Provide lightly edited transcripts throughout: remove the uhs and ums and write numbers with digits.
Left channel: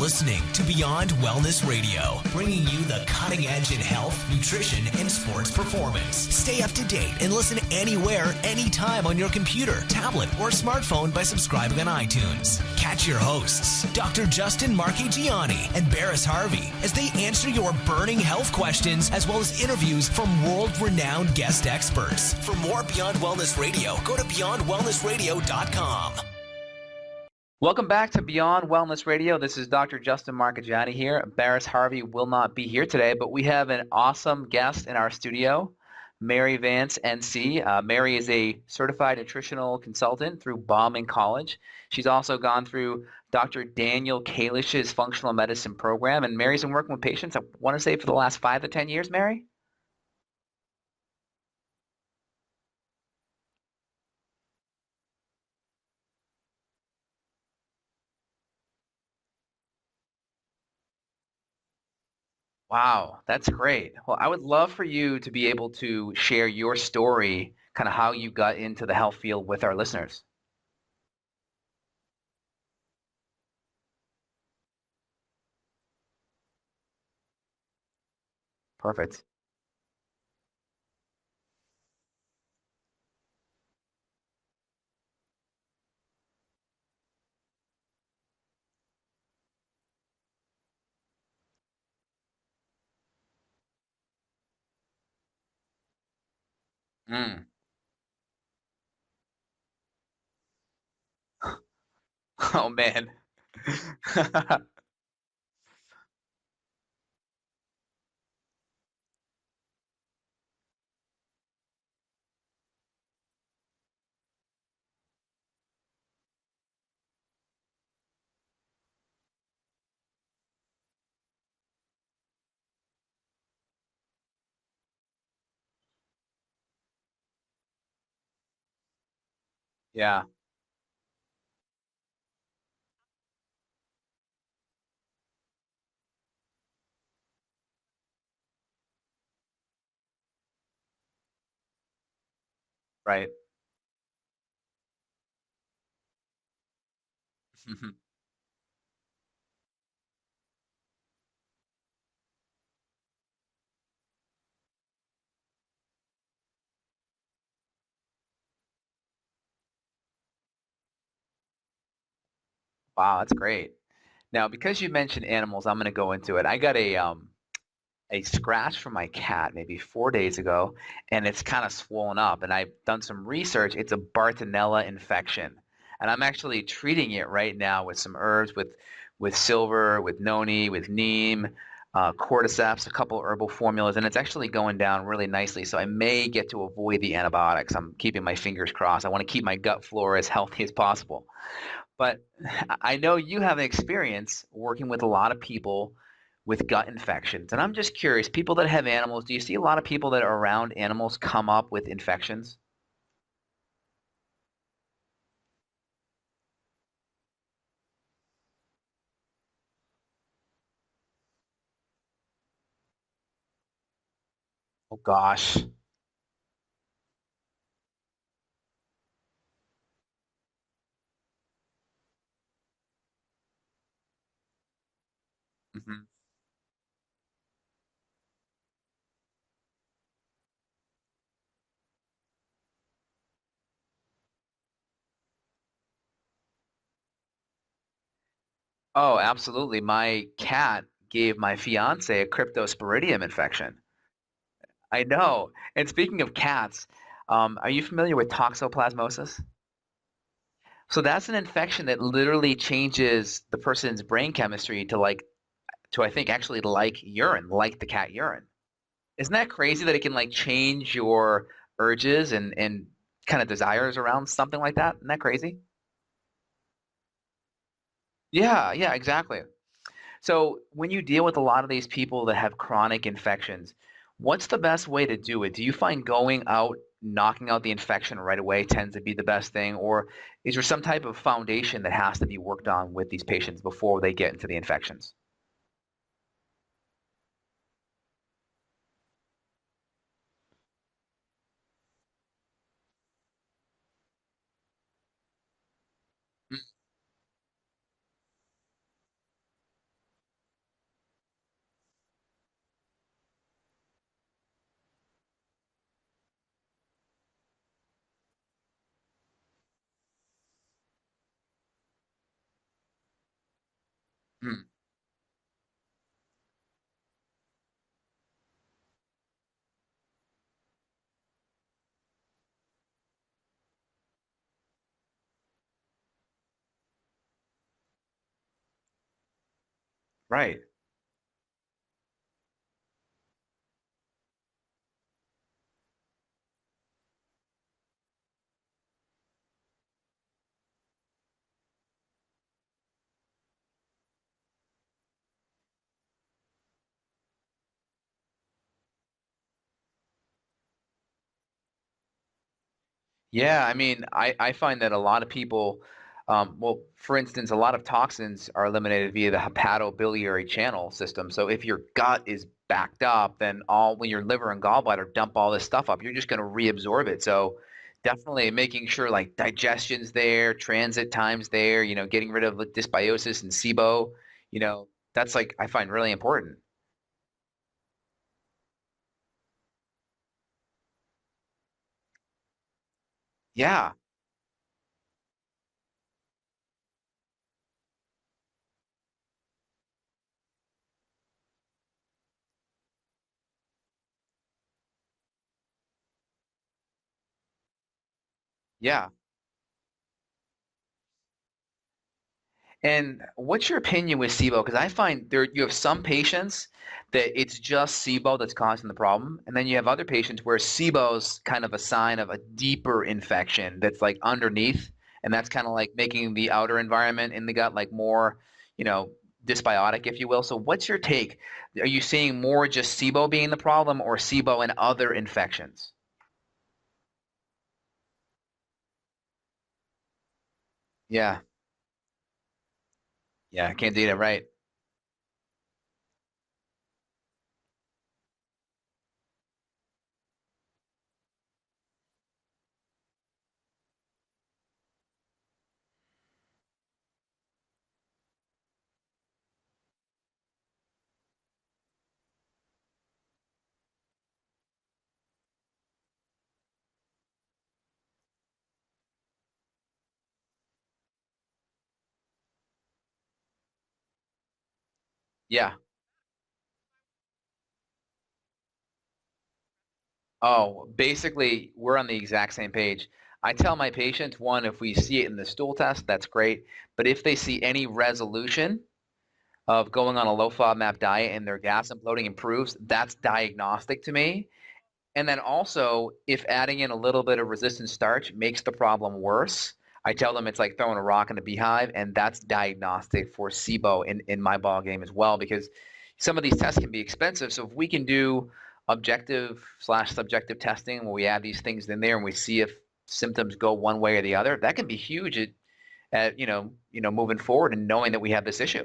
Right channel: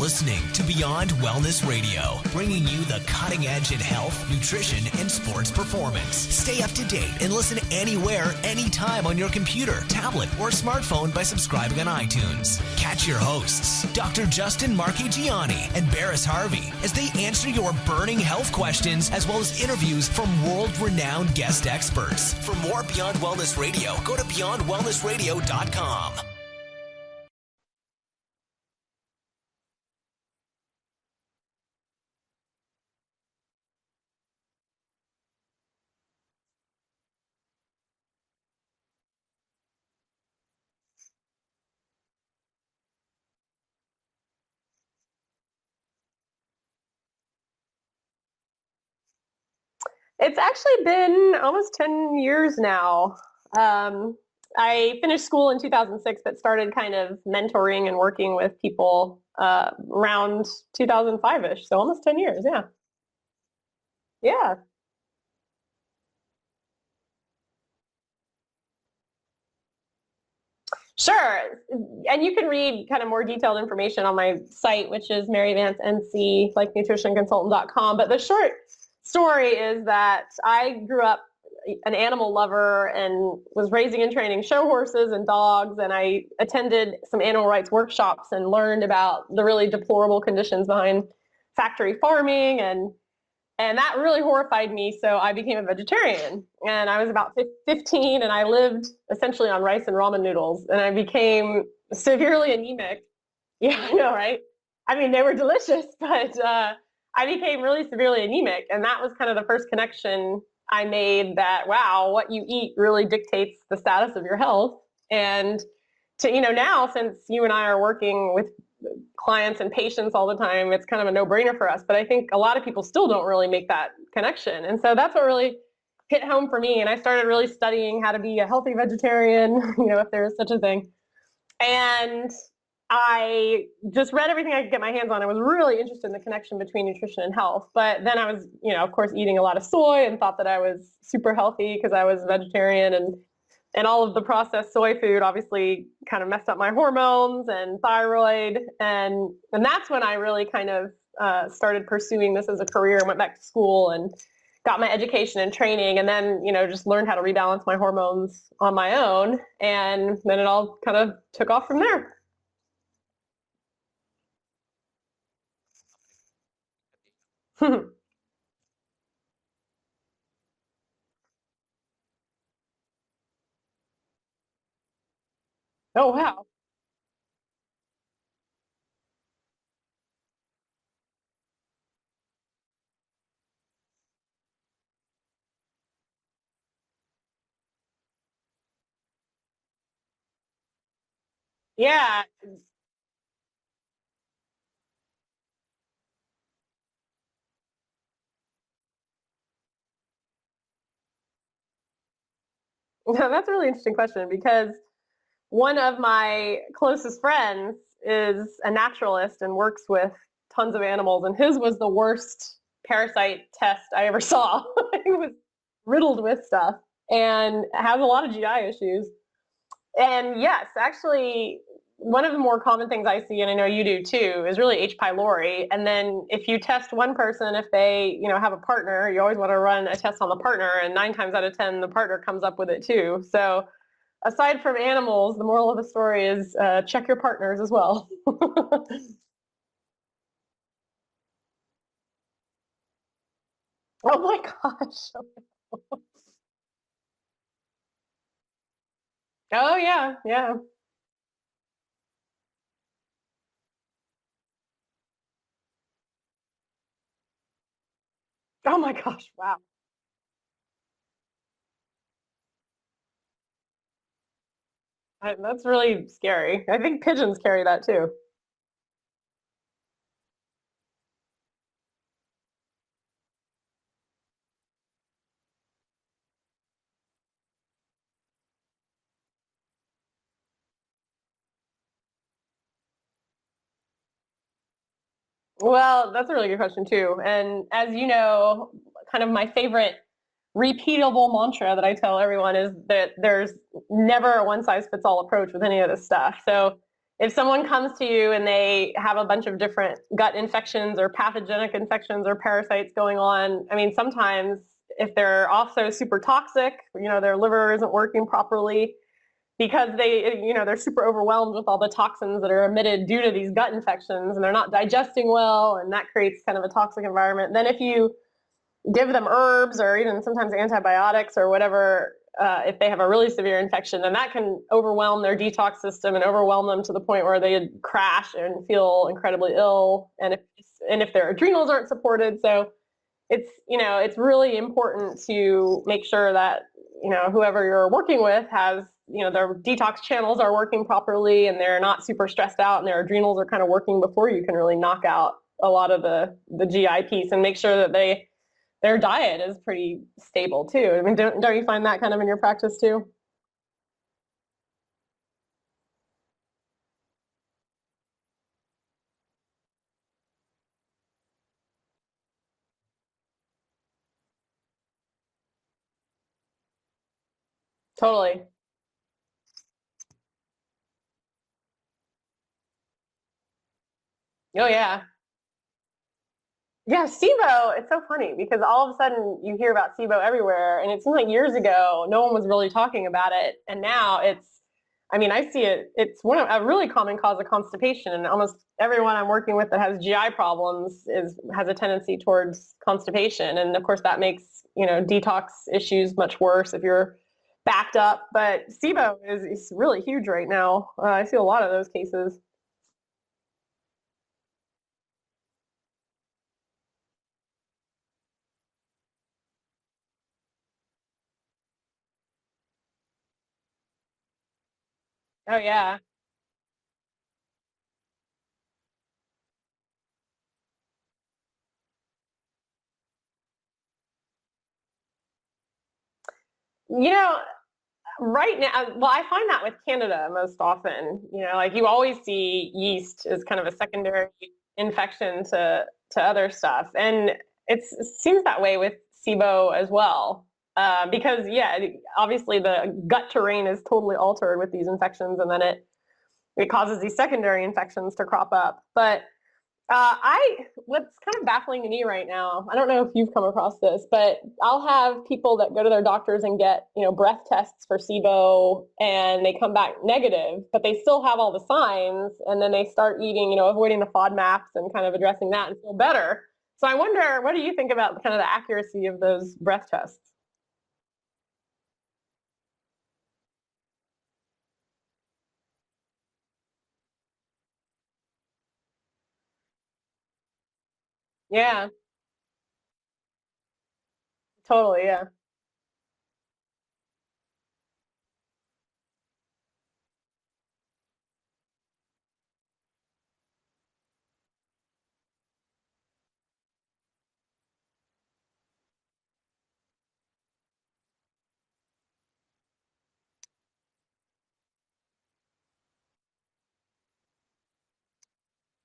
listening to Beyond Wellness Radio, bringing you the cutting edge in health, nutrition, and sports performance. Stay up to date and listen anywhere, anytime on your computer, tablet, or smartphone by subscribing on iTunes. Catch your hosts, Dr. Justin Marchegiani and Baris Harvey, as they answer your burning health questions as well as interviews from world-renowned guest experts. For more Beyond Wellness Radio, go to beyondwellnessradio.com. Welcome back to Beyond Wellness Radio. This is Dr. Justin Marchegiani here. Baris Harvey will not be here today, but we have an awesome guest in our studio, Mary Vance, NC. Mary is a certified nutritional consultant through Bauman College. She's also gone through Dr. Daniel Kalish's functional medicine program, and Mary's been working with patients, I want to say, for the last 5 to 10 years, Mary? It's actually been almost 10 years now. I finished school in 2006, but started kind of mentoring and working with people around 2005-ish, so almost 10 years, yeah. Wow, that's great. Well, I would love for you to be able to share your story, kind of how you got into the health field with our listeners. Sure, and you can read kind of more detailed information on my site, which is maryvancenc, like nutritionconsultant.com, but the short story is that I grew up an animal lover and was raising and training show horses and dogs, and I attended some animal rights workshops and learned about the really deplorable conditions behind factory farming, and that really horrified me, so I became a vegetarian. And I was about 15, and I lived essentially on rice and ramen noodles, and I became severely anemic. Oh, man. Yeah, I know, right? I mean, they were delicious, but I became really severely anemic, and that was kind of the first connection I made that, wow, what you eat really dictates the status of your health. And to, now, since you and I are working with clients and patients all the time, it's kind of a no-brainer for us. But I think a lot of people still don't really make that connection. And so that's what really hit home for me. And I started really studying how to be a healthy vegetarian, if there is such a thing. And I just read everything I could get my hands on. I was really interested in the connection between nutrition and health. But then I was, of course, eating a lot of soy and thought that I was super healthy because I was vegetarian. And all of the processed soy food obviously kind of messed up my hormones and thyroid. And that's when I really kind of started pursuing this as a career and went back to school and got my education and training. And then, just learned how to rebalance my hormones on my own. And then it all kind of took off from there. Wow, that's great. Now, because you mentioned animals, I'm going to go into it. I got a scratch from my cat maybe 4 days ago, and it's kind of swollen up. And I've done some research. It's a Bartonella infection. Oh, and I'm wow. actually treating it right now with some herbs, with silver, with noni, with neem, cordyceps, a couple herbal formulas, and it's actually going down really nicely. So I may get to avoid the antibiotics. I'm keeping my fingers crossed. I want to keep my gut flora as healthy as possible. Yeah. But I know you have experience working with a lot of people with gut infections. And I'm just curious, people that have animals, do you see a lot of people that are around animals come up with infections? That's a really interesting question, because one of my closest friends is a naturalist and works with tons of animals, and his was the worst parasite test I ever saw. Gosh. Riddled with stuff and has a lot of GI issues. And yes, actually, one of the more common things I see, and I know you do too, is really H. pylori. And then if you test one person, if they, have a partner, you always want to run a test on the partner, and 9 times out of 10, the partner comes up with it too. So aside from animals, the moral of the story is check your partners as well. Oh, absolutely. My cat gave my fiance a cryptosporidium infection. Oh my gosh. I know. And speaking of cats, are you familiar with toxoplasmosis? Oh yeah, yeah. So that's an infection that literally changes the person's brain chemistry to I think actually like urine, like the cat urine. Oh my gosh. Isn't that crazy that it can change your urges and kind of desires around something like that? Isn't that crazy? That's really scary. I think pigeons carry that too. Yeah, exactly. So when you deal with a lot of these people that have chronic infections, what's the best way to do it? Do you find going out, knocking out the infection right away tends to be the best thing? Or is there some type of foundation that has to be worked on with these patients before they get into the infections? Well, that's a really good question too. And as you know, kind of my favorite repeatable mantra that I tell everyone is that there's never a one-size-fits-all approach with any of this stuff. So if someone comes to you and they have a bunch of different gut infections or pathogenic infections or parasites going on, I mean, sometimes if they're also super toxic, their liver isn't working properly because they're super overwhelmed with all the toxins that are emitted due to these gut infections, and they're not digesting well, and that creates kind of a toxic environment. Then if you give them herbs or even sometimes antibiotics or whatever, if they have a really severe infection, then that can overwhelm their detox system and overwhelm them to the point where they crash and feel incredibly ill. And Right. if their adrenals aren't supported. So it's really important to make sure that, whoever you're working with has, their detox channels are working properly and they're not super stressed out and their adrenals are kind of working before you can really knock out a lot of the GI piece, and make sure that their diet is pretty stable too. I mean, don't you find that kind of in your practice too? Yeah, I mean, I find that a lot of people, for instance, a lot of toxins are eliminated via the hepatobiliary channel system. So if your gut is backed up, then when your liver and gallbladder dump all this stuff up, you're just going to reabsorb it. So Totally. definitely making sure like digestion's there, transit time's there, getting rid of dysbiosis and SIBO, Yeah. that's like I find really important. Yeah, SIBO, it's so funny because all of a sudden you hear about SIBO everywhere, and it seems like years ago no one was really talking about it. Yeah. And now I see it, it's a really common cause of constipation, and almost everyone I'm working with that has GI problems has a tendency towards constipation. And of course that makes, detox issues much worse if you're backed up. But SIBO is really huge right now. I see a lot of those cases. And what's your opinion with SIBO? Because I find you have some patients that it's just SIBO that's causing the problem, and then you have other patients where SIBO's kind of a sign of a deeper infection that's like underneath, and that's kind of like making the outer environment in the gut like more, dysbiotic, if you will. So what's your take? Are you seeing more just SIBO being the problem, or SIBO and other infections? Right now, well, I find that with Candida most often. Yeah. Like you always see yeast as kind of a secondary Candida, infection to other stuff. And it seems that way with SIBO as well. Because, obviously the gut terrain is totally altered with these infections, and then it causes these secondary infections to crop up. But what's kind of baffling to me right now, I don't know if you've come across this, but I'll have people that go to their doctors and get, breath tests for SIBO, and they come back negative, but they still have all the signs, and then they start eating, avoiding the FODMAPs and kind of addressing that and feel better. So I wonder, what do you think about kind of the accuracy of those breath tests? Oh, basically, we're on the exact same page. I tell my patients, one, if we see it in the stool test, that's great. But if they see any resolution of going on a low FODMAP diet and their gas and bloating improves, that's diagnostic to me. Totally, yeah. And then also, if adding in a little bit of resistant starch makes the problem worse, I tell them it's like throwing a rock in a beehive, and that's diagnostic for SIBO in my ball game as well, because some of these tests can be expensive. So if we can do objective/subjective testing where we add these things in there and we see if symptoms go one way or the other, that can be huge at moving forward and knowing that we have this issue.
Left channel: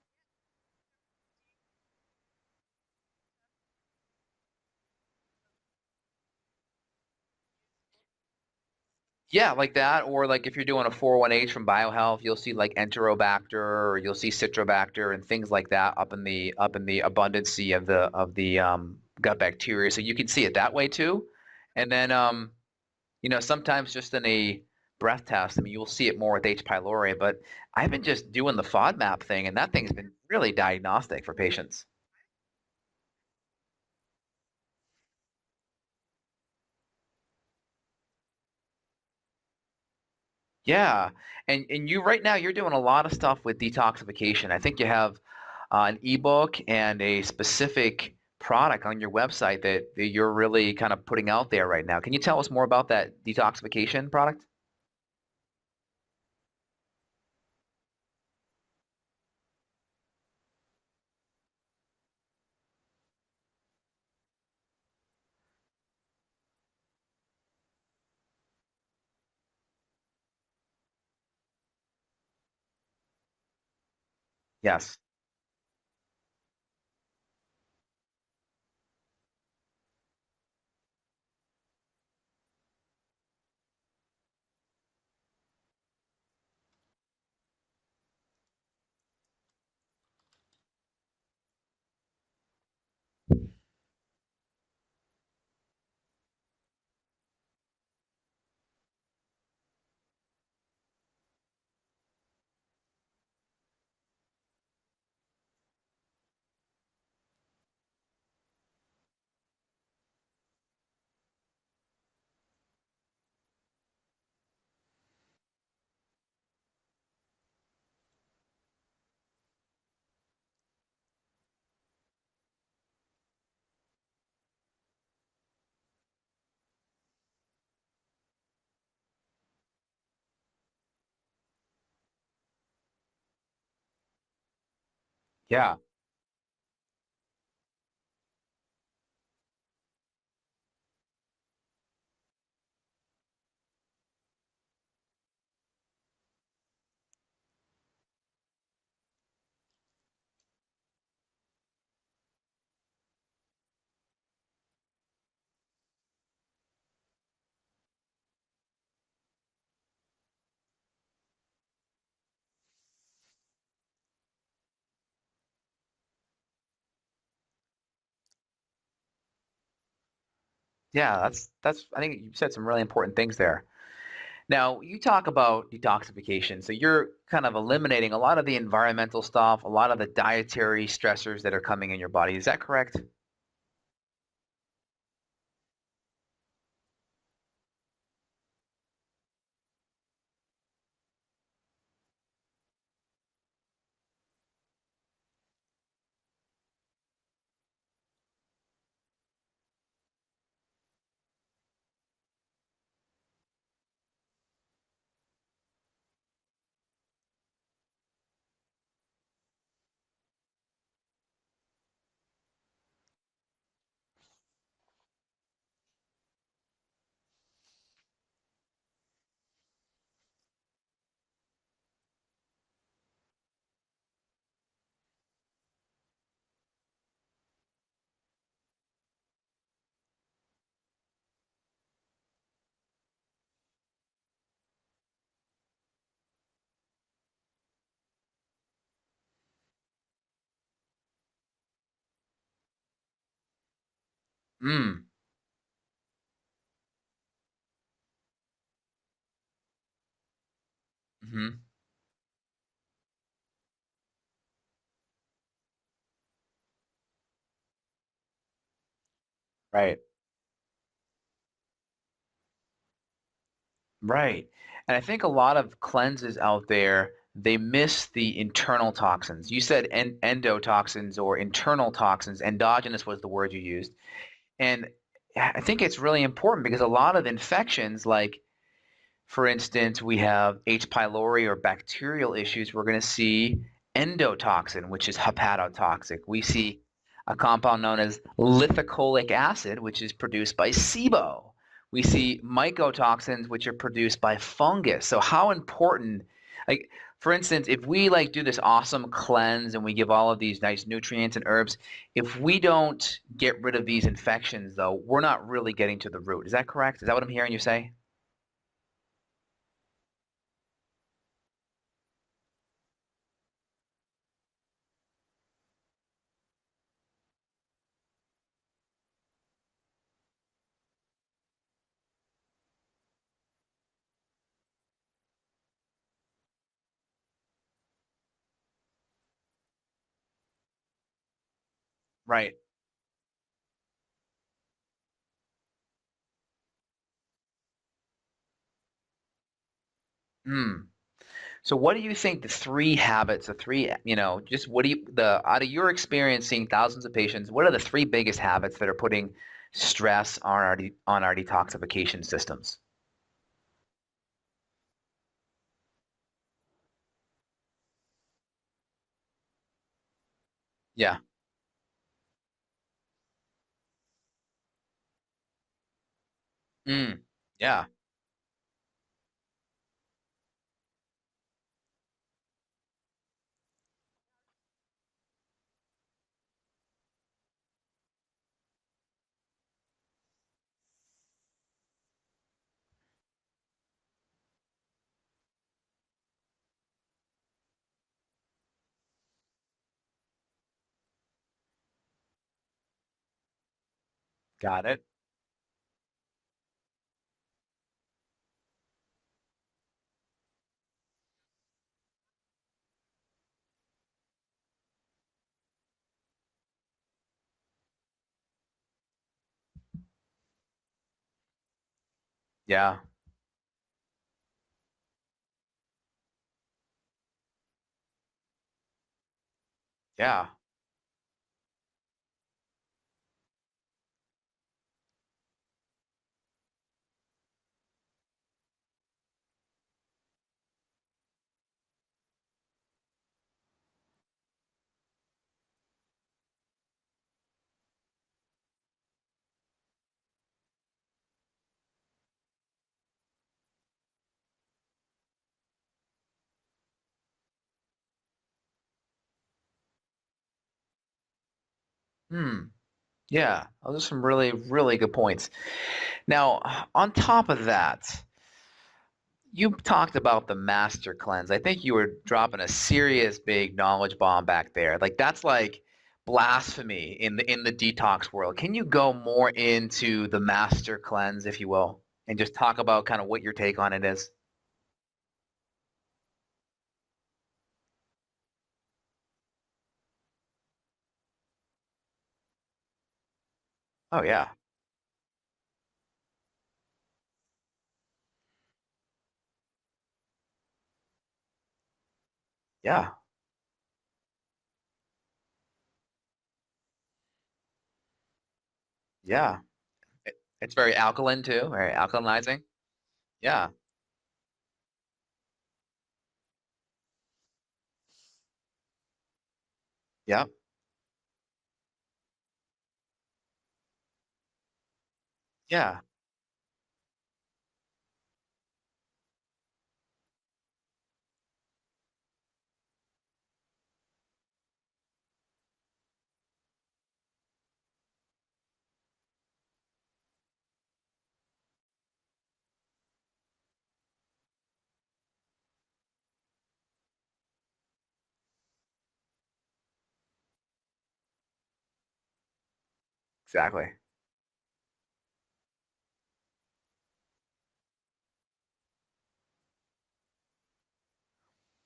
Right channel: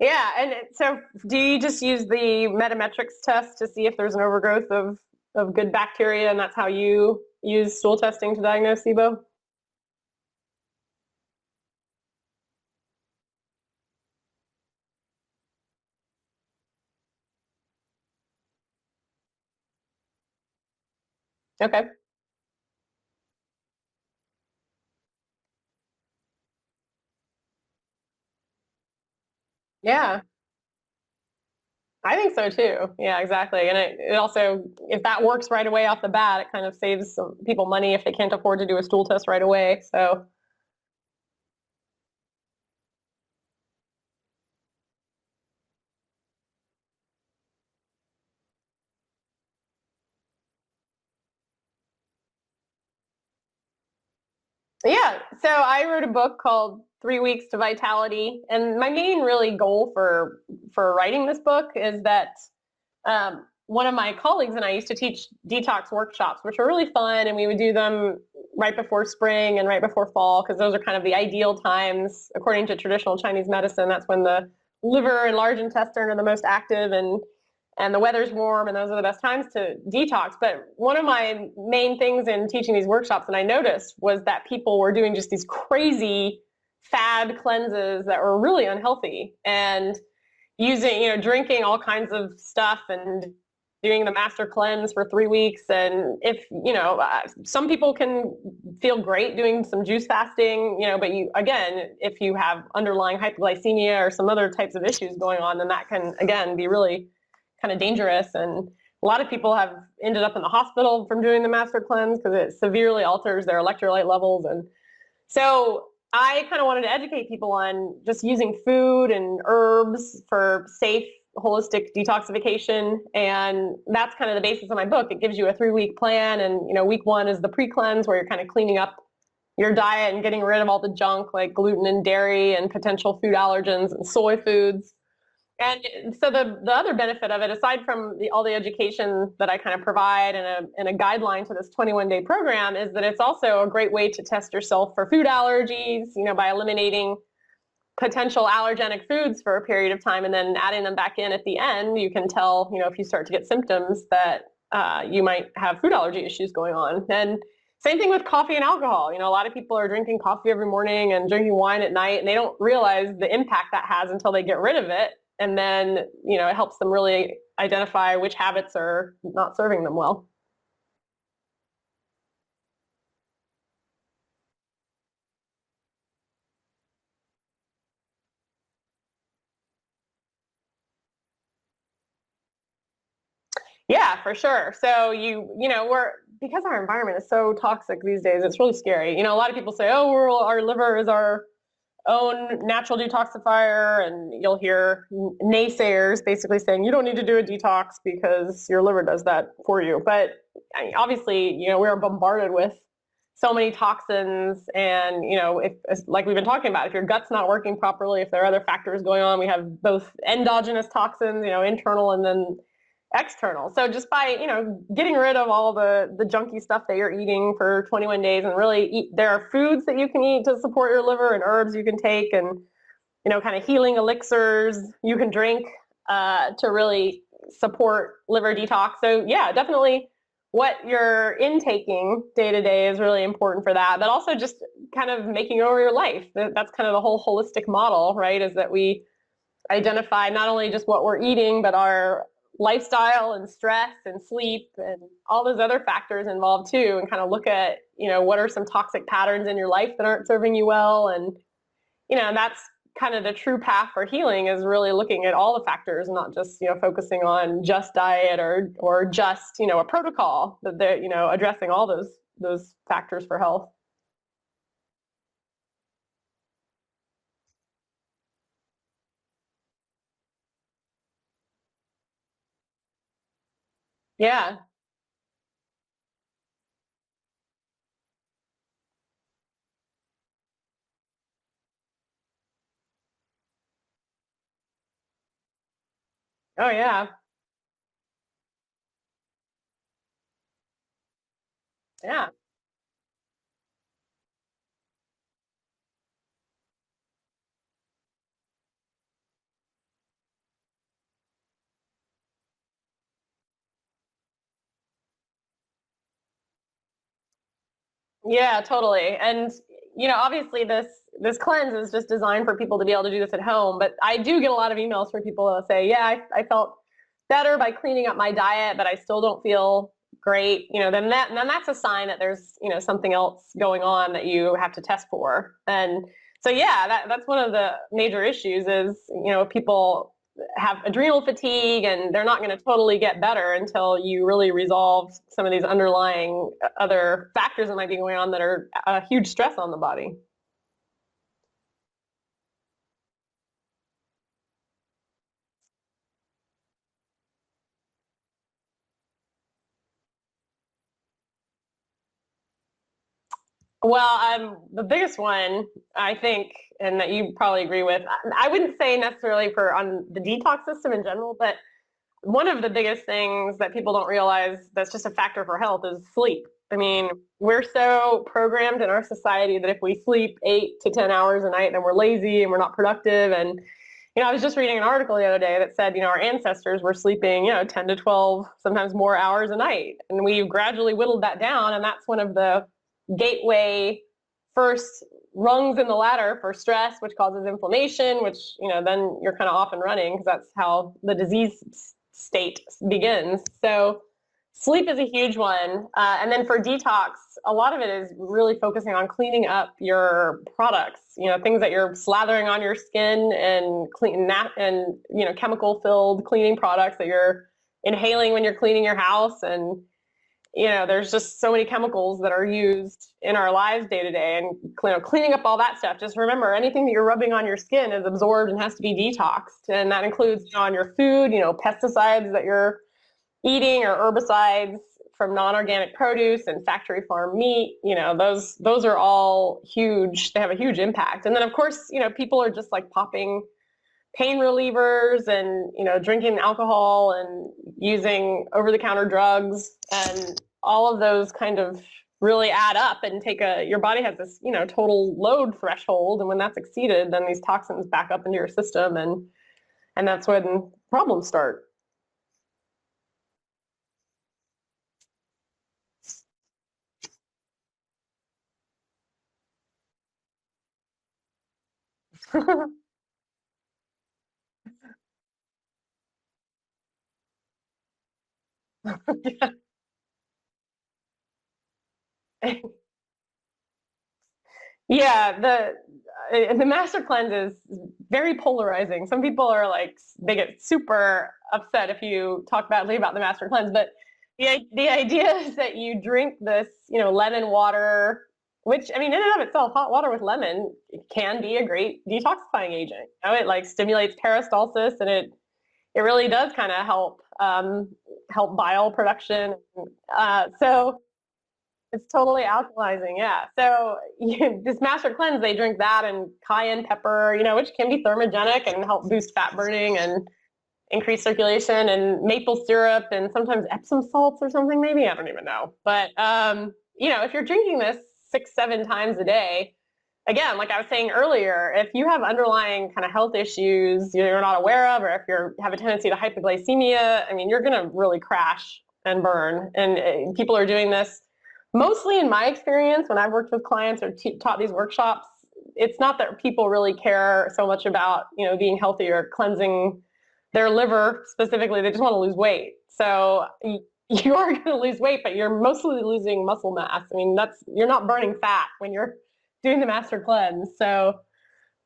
Yeah, and so do you just use the Metametrics test to see if there's an overgrowth of good bacteria, and that's how you use stool testing to diagnose SIBO? Yeah, like that, or like if you're doing a 401H from BioHealth, you'll see like Enterobacter, or you'll see Citrobacter and things like that up in the abundancy of the gut bacteria. So you can see it that way too. Okay. And then sometimes just in a breath test, I mean, you'll see it more with H. pylori, but I've been just doing the FODMAP thing, and that thing's really diagnostic for patients. I think so too. Yeah, exactly. And it also, if that works right away off the bat, it kind of saves some people money if they can't afford to do a stool test right away. So yeah, and you right now you're doing a lot of stuff with detoxification. I think you have an ebook and a specific product on your website that you're really kind of putting out there right now. Can you tell us more about that detoxification product? Yeah, so I wrote a book called 3 Weeks to Vitality, and my main really goal for writing this book is that one of my colleagues and I used to teach detox workshops, which were really fun, and we would do them right before spring and right before fall, because those are kind of the ideal times according to traditional Chinese medicine. That's when the liver and large intestine are the most active, and the weather's warm, and those are the best times to detox. But one of my main things in teaching these workshops, and I noticed, was that people were doing just these crazy fad cleanses that were really unhealthy, and drinking all kinds of stuff and doing the master cleanse for 3 weeks. And if, some people can feel great doing some juice fasting, but if you have underlying hypoglycemia or some other types of issues going on, then that can, again, be really kind of dangerous. And a lot of people have ended up in the hospital from doing the master cleanse because it severely alters their electrolyte levels. And so I kind of wanted to educate people on just using food and herbs for safe, holistic detoxification. And that's kind of the basis of my book. It gives you a 3-week plan. And, week 1 is the pre-cleanse, where you're kind of cleaning up your diet and getting rid of all the junk like gluten and dairy and potential food allergens and soy foods. Yeah. And so the other benefit of it, aside from all the education that I kind of provide and a guideline to this 21-day program, is that it's also a great way to test yourself for food allergies, by eliminating potential allergenic foods for a period of time and then adding them back in at the end. You can tell, if you start to get symptoms that you might have food allergy issues going on. And same thing with coffee and alcohol. A lot of people are drinking coffee every morning and drinking wine at night, and they don't realize the impact that has until they get rid of it. And then, it helps them really identify which habits are not serving them well. Yeah, that's I think you said some really important things there. Now, you talk about detoxification. So you're kind of eliminating a lot of the environmental stuff, a lot of the dietary stressors that are coming in your body. Is that correct? Yeah, for sure. So because our environment is so toxic these days, it's really scary. A lot of people say, oh, our liver is our own natural detoxifier, and you'll hear naysayers basically saying you don't need to do a detox because your liver does that for you. But obviously, we're bombarded with so many toxins, and if, like we've been talking about, if your gut's not working properly, if there are other factors going on, we have both endogenous toxins, internal and then external. So just by, getting rid of all the junky stuff that you're eating for 21 days and really there are foods that you can eat to support your liver and herbs you can take and, kind of healing elixirs you can drink to really support liver detox. So yeah, definitely what you're intaking day to day is really important for that, but also just kind of making over your life. That's kind of the whole holistic model, right? Is that we identify not only just what we're eating, but our lifestyle and stress and sleep and all those other factors involved too, and kind of look at, what are some toxic patterns in your life that aren't serving you well. And, and that's kind of the true path for healing, is really looking at all the factors, not just, focusing on just diet or just, Right. a protocol, but they're, addressing all those factors for health. Right. And I think a lot of cleanses out there, they miss the internal toxins. You said endotoxins or internal toxins. Endogenous was the word you used. Yeah. And I think it's really important because a lot of infections, like, for instance, we have H. pylori or bacterial issues, we're going to see endotoxin, which is hepatotoxic. We see a compound known as lithocolic acid, which is produced by SIBO. We see mycotoxins, which are produced by fungus. So how important, like, for instance, if we do this awesome cleanse and we give all of these nice nutrients and herbs, if we don't get rid of these infections, though, we're not really getting to the root. Is that correct? Is that what I'm hearing you say? Yeah, totally. And, obviously this cleanse is just designed for people to be able to do this at home. But I do get a lot of emails from people that say, yeah, I felt better by cleaning up my diet, but I still don't feel great. Then that's a sign that there's, something else going on that you have to test for. And so, yeah, that's one of the major issues is, people have adrenal fatigue and they're not going to totally get better until you really resolve some of these underlying other factors that might be going on that are a huge stress on the body. So what do you think the 3 habits, just what do you, out of your experience seeing thousands of patients, what are the 3 biggest habits that are putting stress on our detoxification systems? Well, the biggest one, I think, and that you probably agree with, I wouldn't say necessarily on the detox system in general, but one of the biggest things that people don't realize that's just a factor for health is sleep. I mean, we're so programmed in our society that if we sleep 8 to 10 hours a night, then we're lazy and we're not productive. And, I was just reading an article the other day that said, our ancestors were sleeping, 10 to 12, sometimes more hours a night. And we've gradually whittled that down. And that's one of the gateway first rungs in the ladder for stress, which causes inflammation, which, then you're kind of off and running because that's how the disease state begins. So sleep is a huge one. And then for detox, a lot of it is really focusing on cleaning up your products, things that you're slathering on your skin and chemical filled cleaning products that you're inhaling when you're cleaning your house. And, there's just so many chemicals that are used in our lives day to day, and cleaning up all that stuff. Just remember, anything that you're rubbing on your skin is absorbed and has to be detoxed. And that includes on your food, pesticides that you're eating or herbicides from non-organic produce and factory farm meat, those are all huge. They have a huge impact. And then of course, people are just like popping pain relievers and, drinking alcohol and using over-the-counter drugs, and all of those kind of really add up and your body has this, total load threshold. And when that's exceeded, then these toxins back up into your system, and that's when problems start. Yeah, those are some really, really good points. Now, on top of that, you talked about the master cleanse. I think you were dropping a serious big knowledge bomb back there. Like that's like blasphemy in the detox world. Can you go more into the master cleanse, if you will, and just talk about kind of what your take on it is? Yeah, the master cleanse is very polarizing. Some people are like, they get super upset if you talk badly about the master cleanse, but the idea is that you drink this, lemon water, which, in and of itself, hot water with lemon can be a great detoxifying agent. It like stimulates peristalsis, and it really does kind of help bile production. It's very alkaline too, very alkalizing. Totally alkalizing, So this master cleanse, they drink that and cayenne pepper, which can be thermogenic and help boost fat burning and increase circulation, and maple syrup and sometimes Epsom salts or something, maybe. I don't even know. But, if you're drinking this 6-7 times a day, again, like I was saying earlier, if you have underlying kind of health issues you're not aware of, or if you have a tendency to hypoglycemia, you're going to really crash and burn. And people are doing this mostly, in my experience, when I've worked with clients or taught these workshops. It's not that people really care so much about, being healthy or cleansing their liver specifically. They just want to lose weight. So you are going to lose weight, but you're mostly losing muscle mass. You're not burning fat when you're doing the master cleanse. So,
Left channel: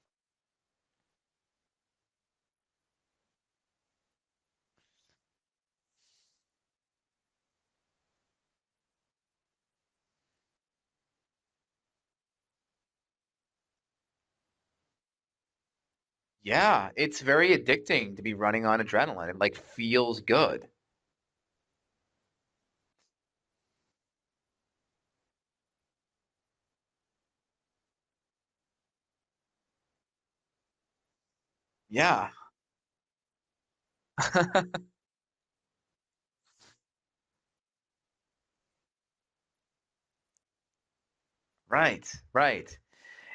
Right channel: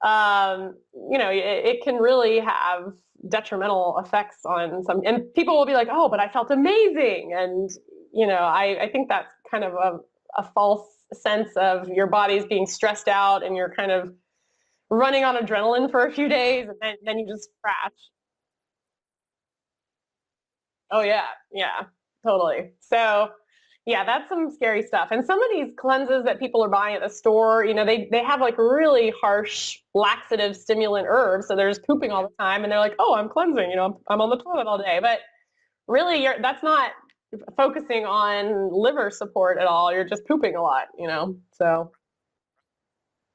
it can really have detrimental effects on some, and people will be like, oh, but I felt amazing. And, I think that's kind of a false sense of your body's being stressed out and you're kind of running on adrenaline for a few days. Yeah, it's very addicting to be running on adrenaline. It like feels good. Oh yeah, totally. So yeah, that's some scary stuff. And some of these cleanses that people are buying at the store, they have like really harsh laxative stimulant herbs. So they're just pooping all the time, and they're like, oh, I'm cleansing, I'm on the toilet all day. But really, that's not focusing on liver support at all. You're just pooping a lot, So Right.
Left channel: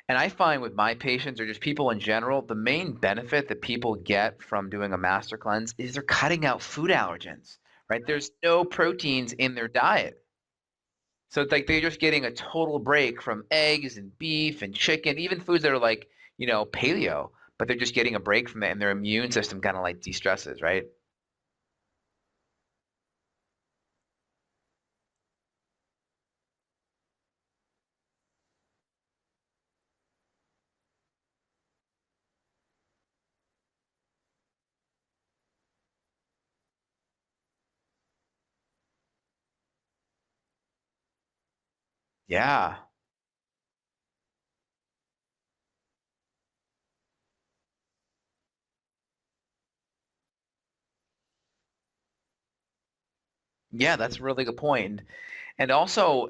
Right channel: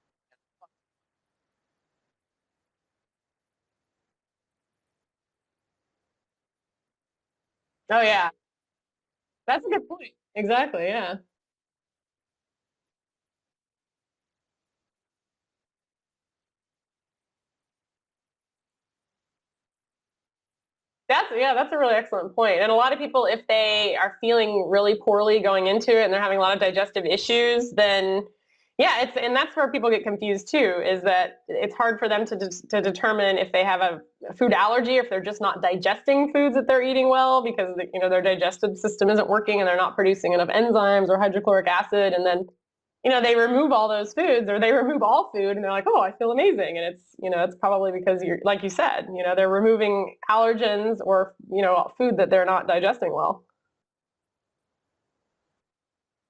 And I find with my patients, or just people in general, the main benefit that people get from doing a master cleanse is they're cutting out food allergens. Right? There's no proteins in their diet. Exactly, yeah. So it's like they're just getting a total break from eggs and beef and chicken, even foods that are like, paleo, but they're just getting a break from it, and their immune system kind of like de-stresses, right? That's a really excellent point. And a lot of people, if they are feeling really poorly going into it and they're having a lot of digestive issues, then and that's where people get confused too, is that it's hard for them to determine if they have a food allergy, or if they're just not digesting foods that they're eating well because their digestive system isn't working and they're not producing enough enzymes or hydrochloric acid. And then they remove all those foods, or they remove all food, and they're like, oh, I feel amazing. And it's probably because you're, like you said, they're removing allergens or food that they're not digesting well. Yeah, that's a really good point. And also,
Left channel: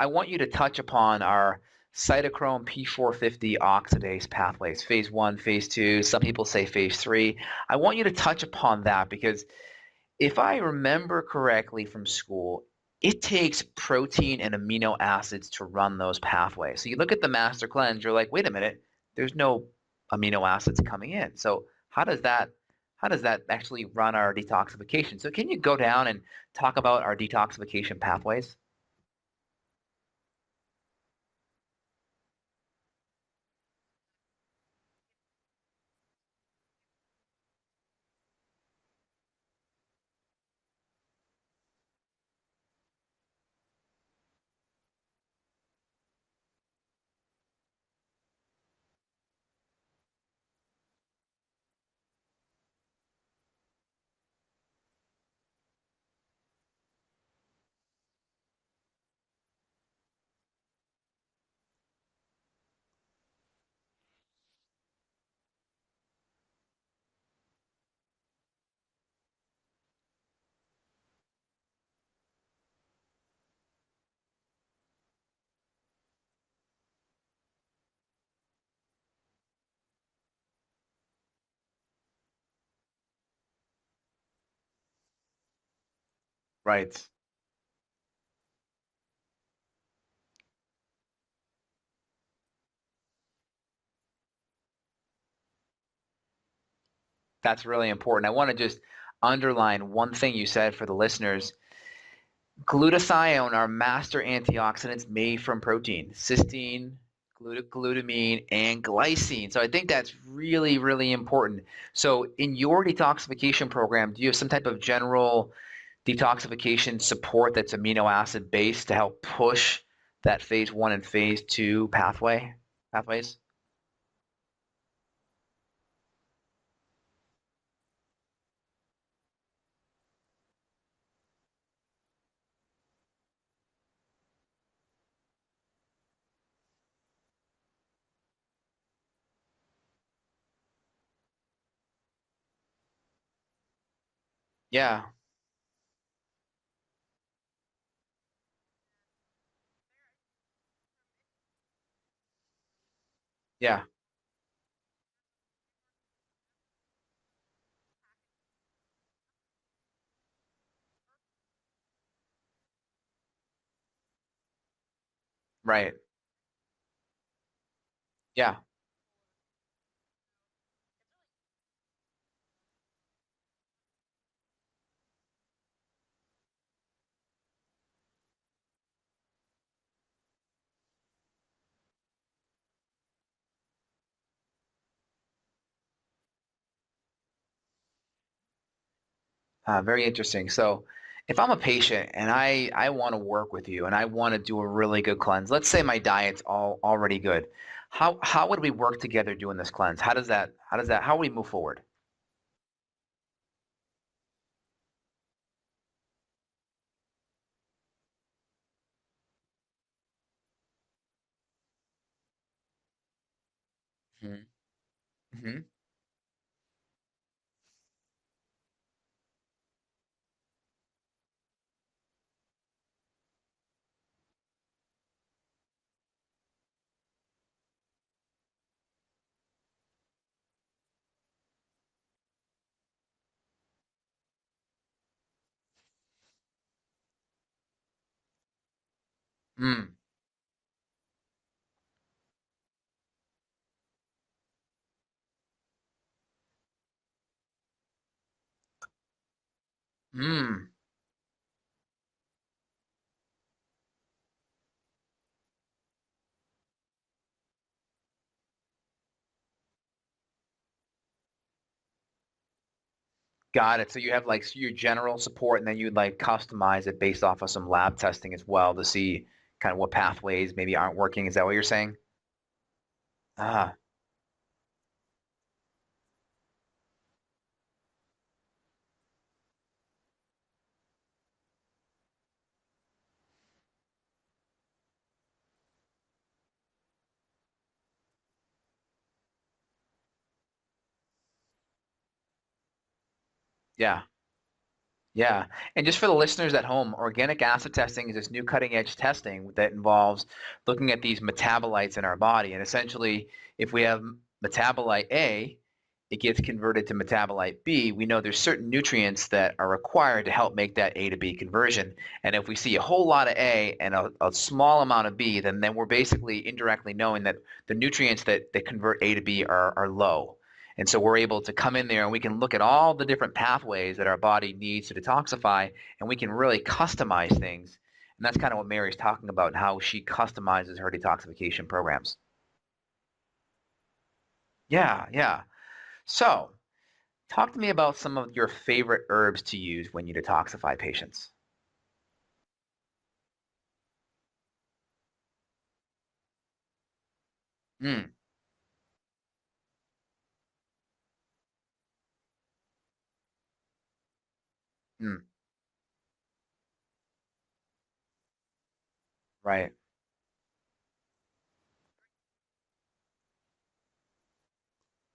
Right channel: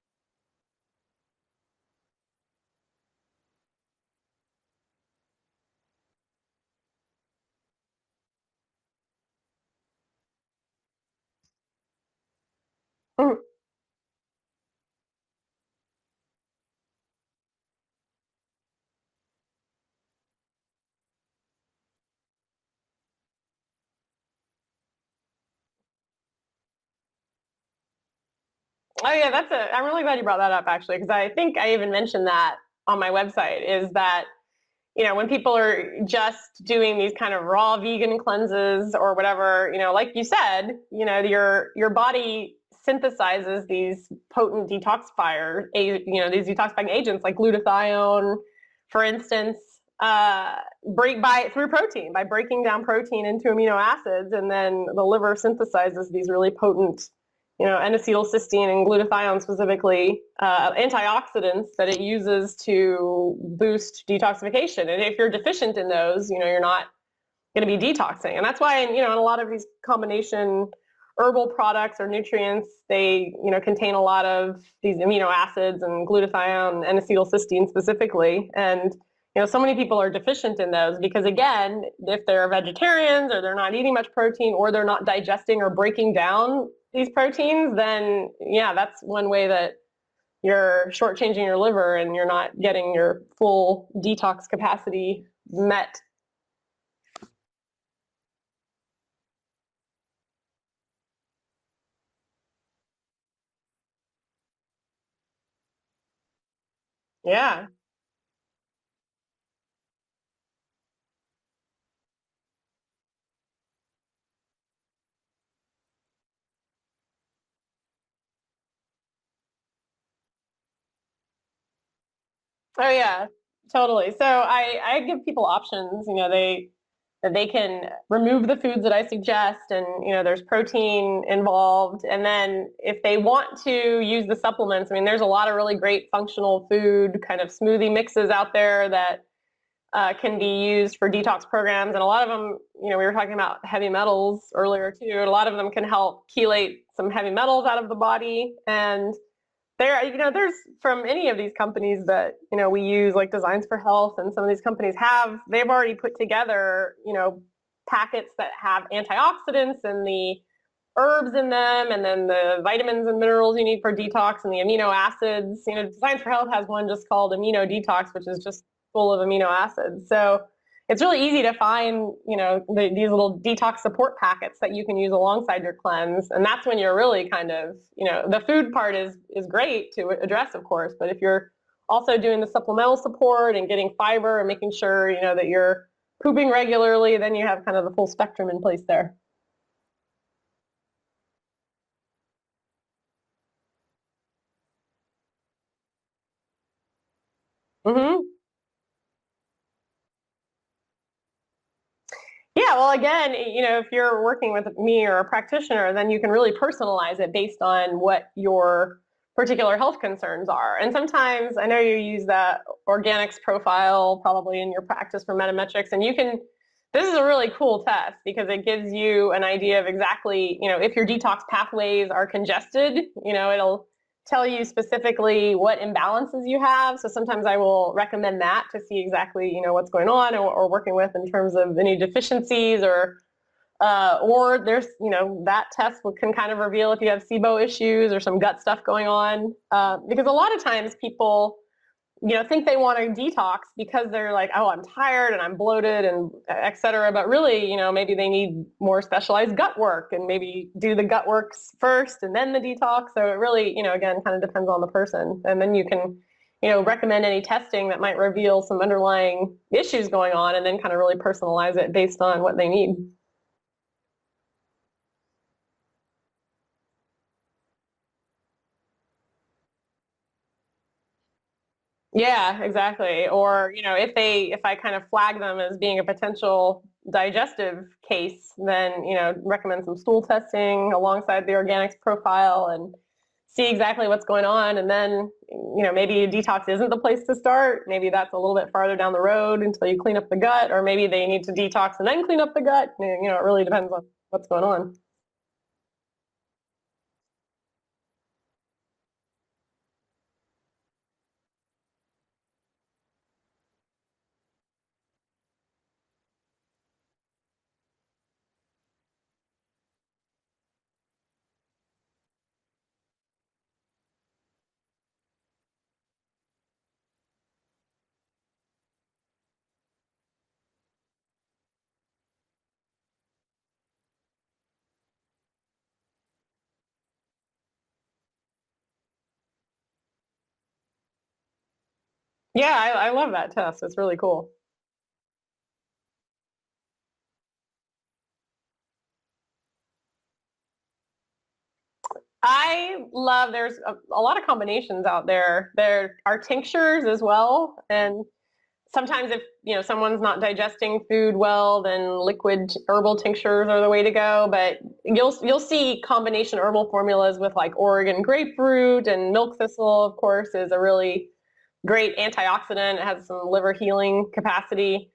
I want you to touch upon our cytochrome P450 oxidase pathways, phase 1, phase 2, some people say phase 3. I want you to touch upon that, because if I remember correctly from school, it takes protein and amino acids to run those pathways. So you look at the master cleanse, you're like, wait a minute, there's no amino acids coming in. So how does that actually run our detoxification? So can you go down and talk about our detoxification pathways? Oh yeah, I'm really glad you brought that up, actually, because I think I even mentioned that on my website is that, when people are just doing these kind of raw vegan cleanses or whatever, like you said, your body synthesizes these potent detoxifiers, these detoxifying agents like glutathione, for instance, through protein, by breaking down protein into amino acids, and then the liver synthesizes these really potent, N-acetylcysteine and glutathione specifically, antioxidants that it uses to boost detoxification. And if you're deficient in those, you're not going to be detoxing. And that's why, in a lot of these combination herbal products or nutrients, they, contain a lot of these amino acids and glutathione and acetylcysteine specifically. And so many people are deficient in those because, again, if they're vegetarians or they're not eating much protein or they're not digesting or breaking down these proteins, then, that's one way that you're shortchanging your liver and you're not getting your full detox capacity met. That's really important. I want to just underline one thing you said for the listeners. Glutathione are master antioxidants made from protein, cysteine, glutamine, and glycine. So I think that's really, really important. So in your detoxification program, do you have some type of general detoxification support that's amino acid based to help push that phase 1 and phase 2 pathway? Yeah, totally. So I give people options. They can remove the foods that I suggest, and there's protein involved. And then if they want to use the supplements, there's a lot of really great functional food kind of smoothie mixes out there that can be used for detox programs. And a lot of them, we were talking about heavy metals earlier too. A lot of them can help chelate some heavy metals out of the body. And there's from any of these companies that, we use, like Designs for Health, and some of these companies they've already put together, packets that have antioxidants and the herbs in them, and then the vitamins and minerals you need for detox and the amino acids. Right. Designs for Health has one just called Amino Detox, which is just full of amino acids. So it's really easy to find, these little detox support packets that you can use alongside your cleanse. And that's when you're really kind of, the food part is great to address, of course. But if you're also doing the supplemental support and getting fiber and making sure, that you're pooping regularly, then you have kind of the full spectrum in place there. Very interesting. So if I'm a patient and I want to work with you and I want to do a really good cleanse, let's say my diet's already good. Mm-hmm. How would we work together doing this cleanse? How would we move forward? Yeah, well, again, if you're working with me or a practitioner, then you can really personalize it based on what your particular health concerns are. And sometimes I know you use that organics profile probably in your practice for metametrics, and this is a really cool test because it gives you an idea of exactly, if your detox pathways are congested, it'll tell you specifically what imbalances you have. So sometimes I will recommend that to see exactly, what's going on or working with in terms of any deficiencies or there's, that test can kind of reveal if you have SIBO issues or some gut stuff going on. Because a lot of times people, think they want to detox because they're like, oh, I'm tired and I'm bloated and et cetera. But really, maybe they need more specialized gut work and maybe do the gut works first and then the detox. So it really, again, kind of depends on the person. And then you can, recommend any testing that might reveal some underlying issues going on and then kind of really personalize it based on what they need. Got it. So you have like your general support and then you'd like customize it based off of some lab testing as well to see kind of what pathways maybe aren't working. Is that what you're saying? Yeah, exactly. Or, if I kind of flag them as being a potential digestive case, then, recommend some stool testing alongside the organics profile and see exactly what's going on. And then, maybe detox isn't the place to start. Maybe that's a little bit farther down the road until you clean up the gut, or maybe they need to detox and then clean up the gut. It really depends on what's going on. Yeah. And just for the listeners at home, organic acid testing is this new cutting edge testing that involves looking at these metabolites in our body. And essentially, if we have metabolite A, it gets converted to metabolite B. We know there's certain nutrients that are required to help make that A to B conversion. And if we see a whole lot of A and a small amount of B, then we're basically indirectly knowing that the nutrients that convert A to B are low. And so we're able to come in there and we can look at all the different pathways that our body needs to detoxify, and we can really customize things. And that's kind of what Mary's talking about and how she customizes her detoxification programs. Yeah, I love that test. It's really cool. Yeah, yeah. So, talk to me about some of your favorite herbs to use when you detoxify patients. There's a lot of combinations out there. There are tinctures as well. Mm, And sometimes if, someone's not digesting food well, then liquid herbal tinctures are the way to go. But mm, you'll see combination herbal formulas with like Oregon grapefruit, and milk right. thistle, of course, is a really great antioxidant. It has some liver healing capacity.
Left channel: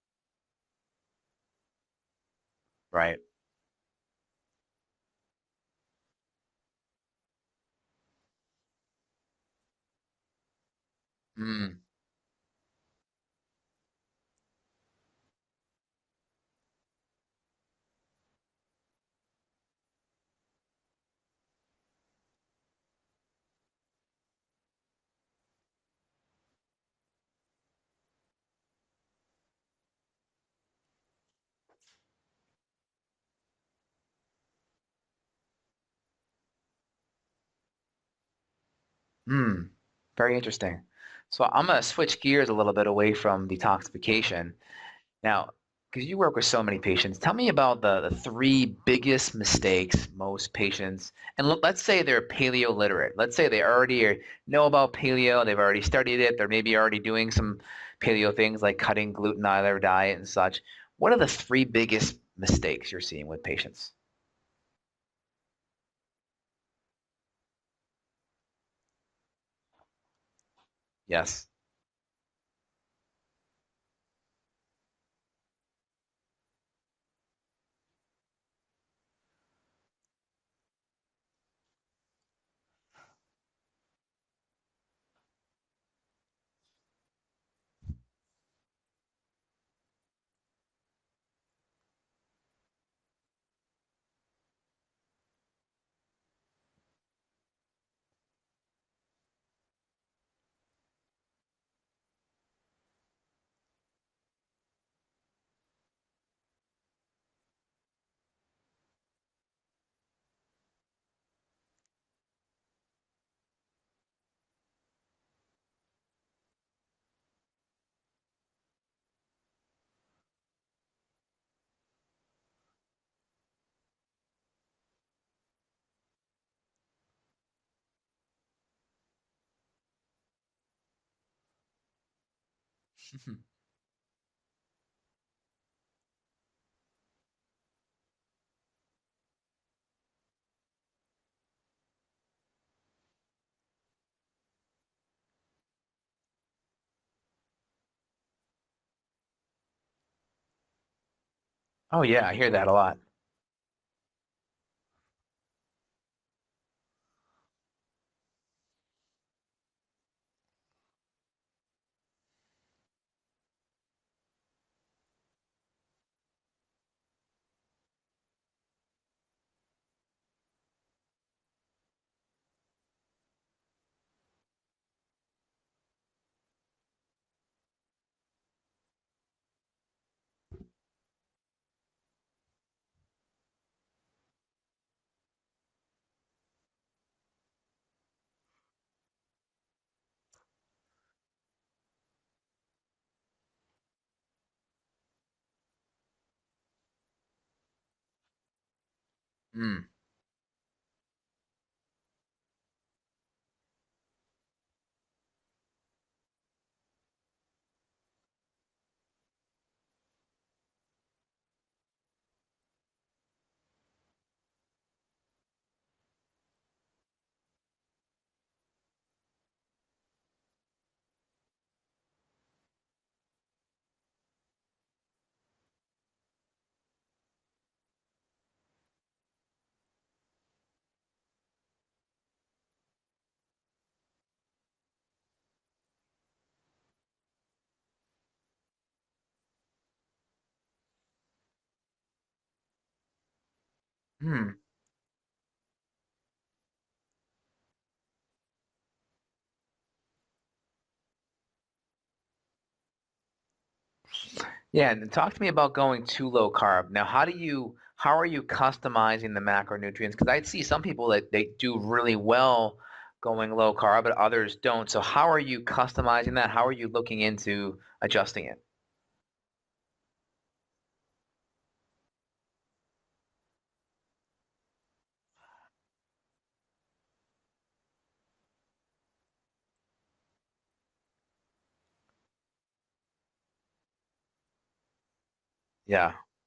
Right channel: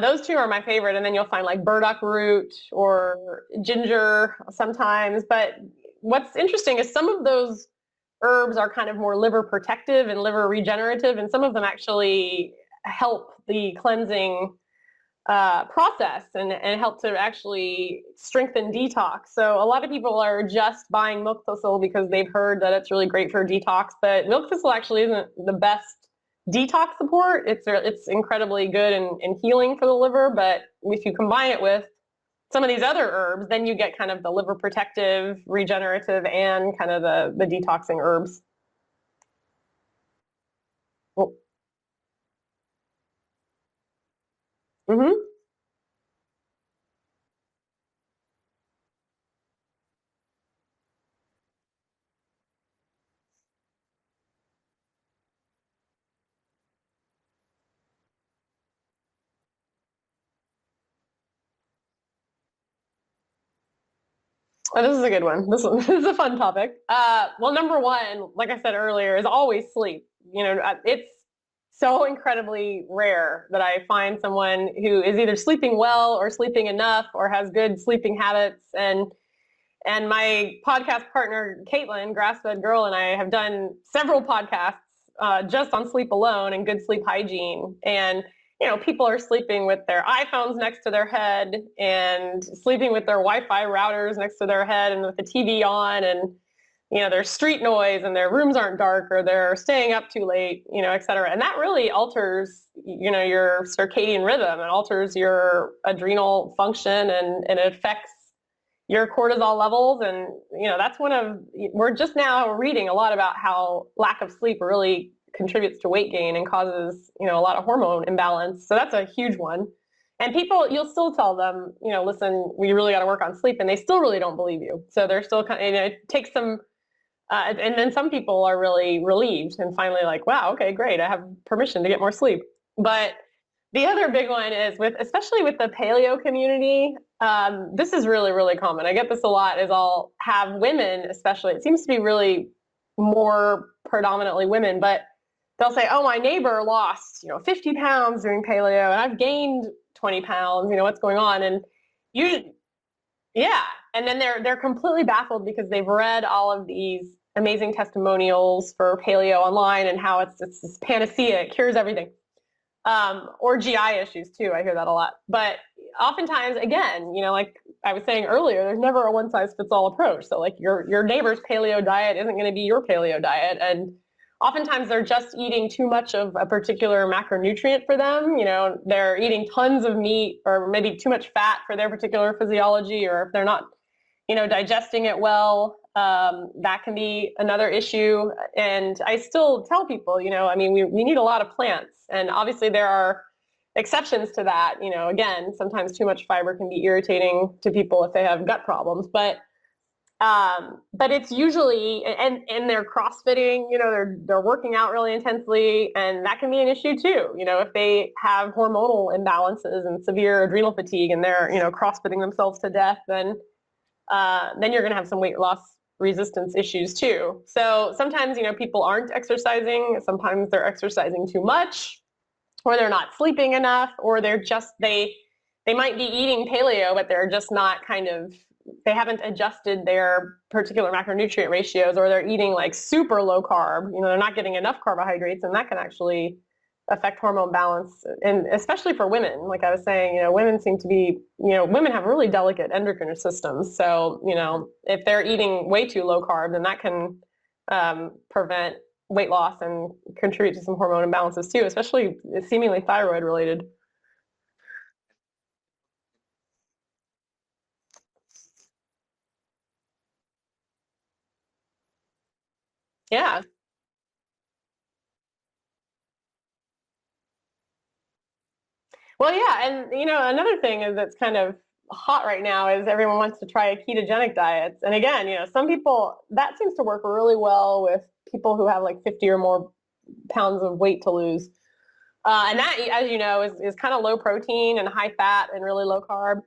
Those two are my favorite. And then you'll find like burdock root or Right. ginger sometimes. But what's interesting is some of those herbs are kind of more liver protective and liver regenerative, and some of them Mm, actually help the cleansing process and help to actually strengthen detox. So a lot of people are just buying milk thistle because they've heard that it's really great for detox, but milk thistle actually isn't the best detox support. It's incredibly good and healing for the liver, but if you combine it with some of these other herbs, then you get kind of the liver protective, regenerative, and kind of the detoxing herbs. mm. Very interesting. Well, So I'm going to switch gears a little bit away from detoxification. mhm. Now, because you work with so many patients, tell me about the three biggest mistakes most patients, and let's say they're paleo literate. Let's say they already know about paleo, they've already studied it, they're maybe already doing some paleo things like cutting gluten out of their diet and such. What are the three biggest mistakes you're seeing with patients? Oh, this is a good one. This is a fun topic. Well, number one, like I said earlier, is always sleep. It's Yes. so incredibly rare that I find someone who is either sleeping well or sleeping enough or has good sleeping habits. And my podcast partner, Caitlin, Grassfed Girl, and I have done several podcasts just on sleep alone and good sleep hygiene. And people are sleeping with their iPhones next to their head and sleeping with their Wi-Fi routers next to their head and with the TV on, and there's street noise and their rooms aren't dark or they're staying up too late, et cetera. And that really alters, your circadian rhythm. It alters your adrenal function, and it affects your cortisol levels. And, that's we're just now reading a lot about how lack of sleep really contributes to weight gain and causes, a lot of hormone imbalance. So that's a huge one. And people, you'll still tell them, listen, we really got to work on sleep, and they still really don't believe you. So they're still kind of, it takes some, and then some people are really relieved and finally like, wow, okay, great, I have permission to get more sleep. But the other big one is especially with the paleo community, this is really, really common. I get this a lot, is I'll have women, especially, it seems to be really more predominantly women, but they'll say, oh, my neighbor lost, 50 pounds doing paleo and I've gained 20 pounds, what's going on? And Oh yeah, I hear that a lot. yeah. And then they're completely baffled because they've read all of these amazing testimonials for paleo online and how it's this panacea, it cures everything. Or GI issues too. I hear that a lot. But oftentimes, again, like I was saying earlier, there's never a one size fits all approach. So like your neighbor's paleo diet isn't going to be your paleo diet. And oftentimes they're just eating too much of a particular macronutrient for them. They're eating tons of meat or maybe too much fat for their particular physiology, or if they're not, digesting it well, that can be another issue. And I still tell people, we need a lot of plants. And obviously there are exceptions to that. Again, sometimes too much fiber can be irritating to people if they have gut problems. Mm, But it's usually, and they're crossfitting, they're working out really intensely, and that can be an issue too. If they have hormonal imbalances and severe adrenal fatigue and they're, crossfitting themselves to death, then you're going to have some weight loss resistance issues too. So sometimes, people aren't exercising. Sometimes they're exercising too much, or they're not sleeping enough, or they might be eating paleo, but they're just not they haven't adjusted their particular macronutrient ratios, or they're eating like super low carb, they're not getting enough carbohydrates, and that can actually affect hormone balance. And especially for women, like I was saying, women seem to be, women have really delicate endocrine systems. So, if they're eating way too low carb, then that can prevent weight loss and contribute to some hormone imbalances too, especially seemingly thyroid related. yeah, and talk to me about going too low carb. Now, how are you customizing the macronutrients? Because I see some people that they do really well going low carb, but others don't. So how are you customizing that? How are you looking into adjusting it? Well, yeah, and another thing is that's kind of hot right now is everyone wants to try ketogenic diets. And again, some people that seems to work really well with people who have like 50 or more pounds of weight to lose. And that, as you know, is kind of low protein and high fat and really low carb.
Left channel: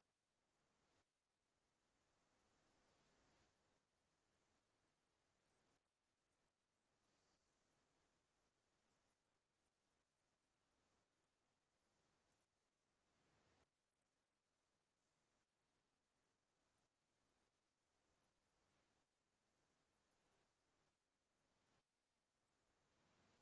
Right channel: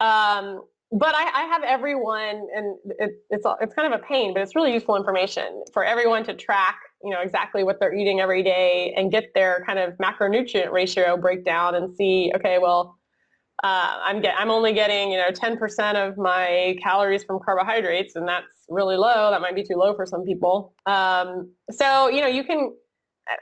But I have everyone, and it's kind of a pain, but it's really useful information for everyone to track, exactly what they're eating every day and get their kind of macronutrient ratio breakdown and see, okay, well, I'm only getting 10% of my calories from carbohydrates, and that's really low. That might be too low for some people. So you can.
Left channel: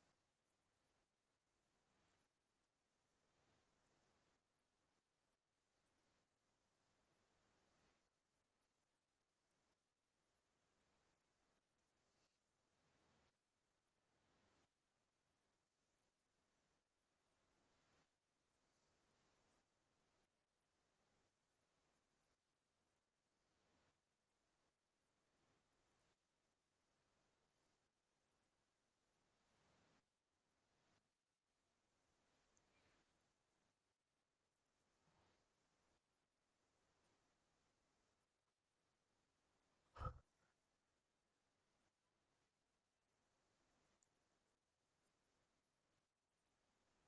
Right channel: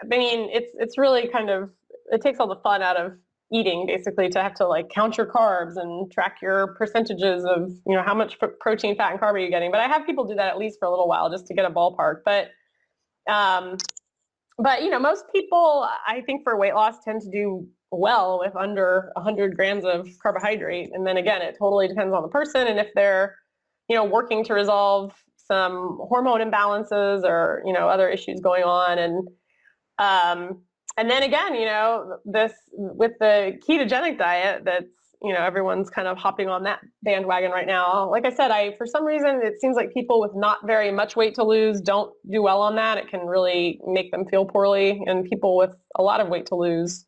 I mean, it's really kind of, it takes all the fun out of eating, basically, to have to like count your carbs and track your percentages of how much protein, fat, and carb are you getting. But I have people do that at least for a little while just to get a ballpark. But most people, I think, for weight loss tend to do well with under 100 grams of carbohydrate. And then again, it totally depends on the person and if they're working to resolve some hormone imbalances or other issues going on. And then again, this with the ketogenic diet, that's everyone's kind of hopping on that bandwagon right now. Like I said, for some reason it seems like people with not very much weight to lose don't do well on that. It can really make them feel poorly, and people with a lot of weight to lose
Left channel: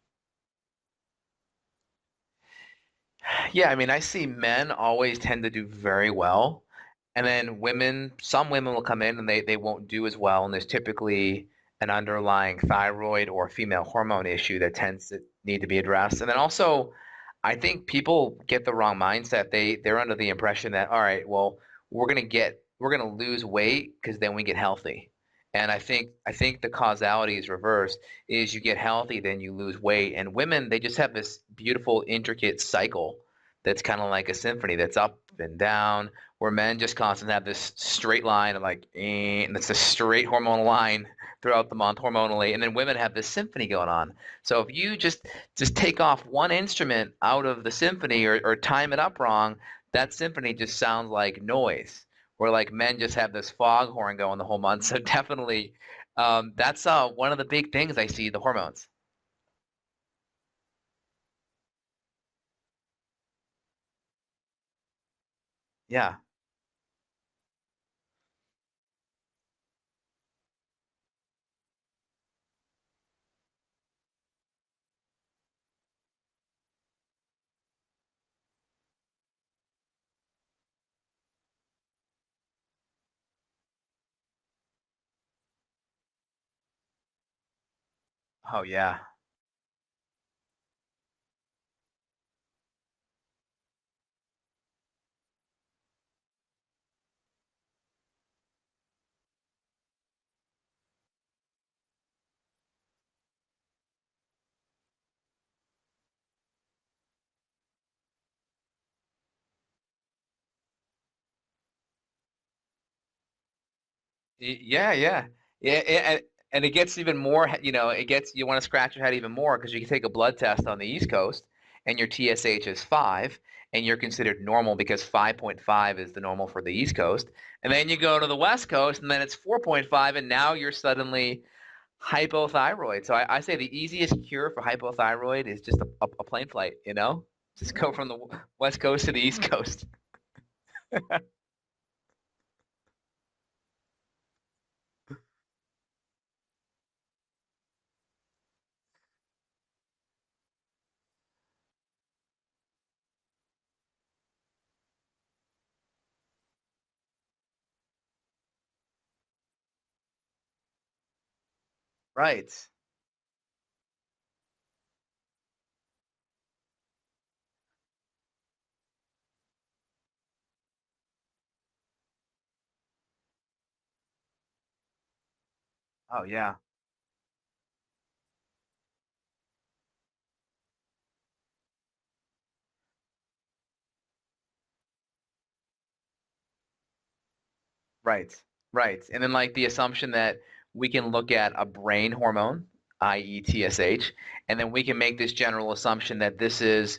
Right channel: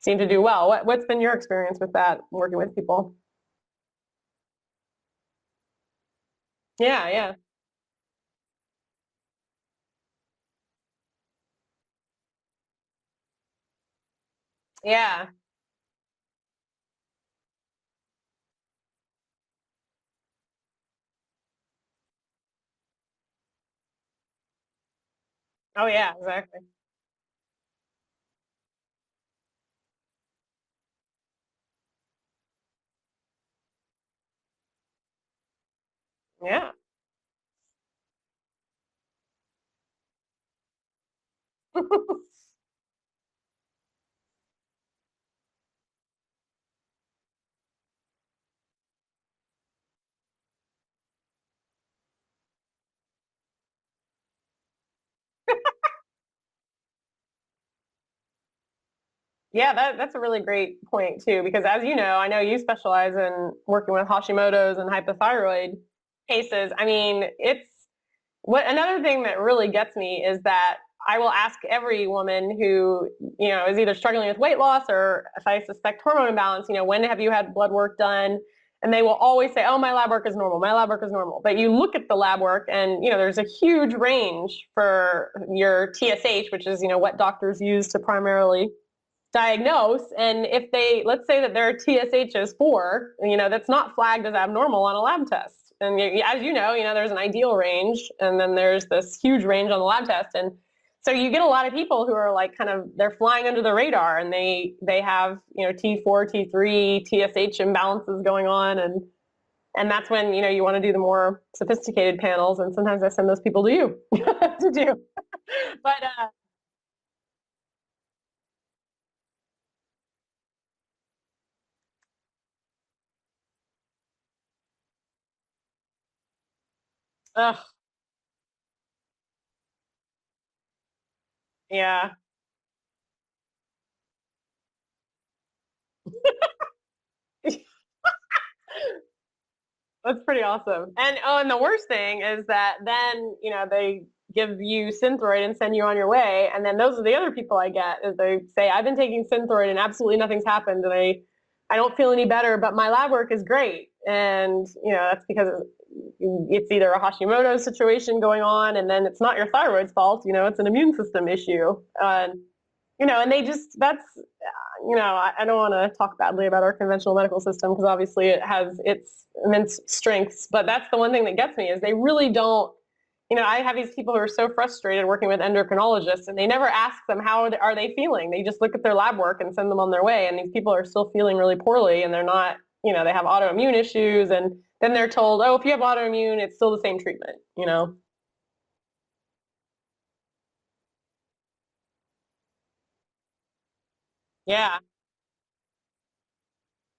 seem to do well. What's been your experience with that, working with people? Yeah, I mean, I see men always tend to do very well. Yeah. And then some women will come in and they won't do as well, and there's typically an underlying thyroid or female hormone issue that tends to need to be addressed. And then also, I think people get the wrong mindset. They're under the impression that, all right, well, we're gonna lose weight because then we get healthy. And I think the causality is reversed. Is you get healthy, then you lose weight. And women, they just have this beautiful, intricate cycle that's kind of like a symphony that's up and down, where men just constantly have this straight line of like, and it's a straight hormonal line throughout the month hormonally, and then women have this symphony going on. So if you just take off one instrument out of the symphony or time it up wrong, that symphony just sounds like noise. Where like men just have this foghorn going the whole month. So definitely, that's one of the big things I see, the hormones. Yeah, that's a really great point too, because as you know, I know you specialize in working with Hashimoto's and hypothyroid cases. I mean, another thing that really gets me is that I will ask every woman who, is either struggling with weight loss or if I suspect hormone imbalance, when have you had blood work done? And they will always say, oh, my lab work is normal. My lab work is normal. But you look at the lab work and, there's a huge range for your TSH, which is, what doctors use to primarily diagnose. And if let's say that their TSH is 4, that's not flagged as abnormal on a lab test. And as you know, there's an ideal range, and then there's this huge range on the lab test. And so you get a lot of people who are like they're flying under the radar, and they have, T4, T3, TSH imbalances going on. And that's when, you want to do the more sophisticated panels. And sometimes I send those people to you. And it gets even more, you want to scratch your head even more, because you can take a blood test on the East Coast and your TSH is 5. And you're considered normal because 5.5 is the normal for the East Coast. Ugh. And then you go to the West Coast and then it's 4.5, and now you're suddenly hypothyroid. So I say the easiest cure for hypothyroid is just a plane flight, Just go from the West Coast to the East Coast. That's pretty awesome. And the worst thing is that then, they give you Synthroid and send you on your way. And then those are the other people I get, is they say, I've been taking Synthroid and absolutely nothing's happened. And I don't feel any better, but my lab work is great. And, that's because it's either a Hashimoto's situation going on, and then it's not your thyroid's fault, it's an immune system issue. Right. And they just, that's, I don't want to talk badly about our conventional medical system, because obviously it has its immense strengths, but that's the one thing that gets me, is they really don't, I have these people who are so frustrated working with endocrinologists, and they never ask them how are they feeling. They just look at their lab work and send them on their way. And these people are still feeling really poorly, and they're not, they have autoimmune issues. And then they're told, oh, if you have autoimmune, it's still the same treatment, Right. And then like the assumption that we can look at a brain hormone, i.e. TSH, and then we can make this general assumption that this is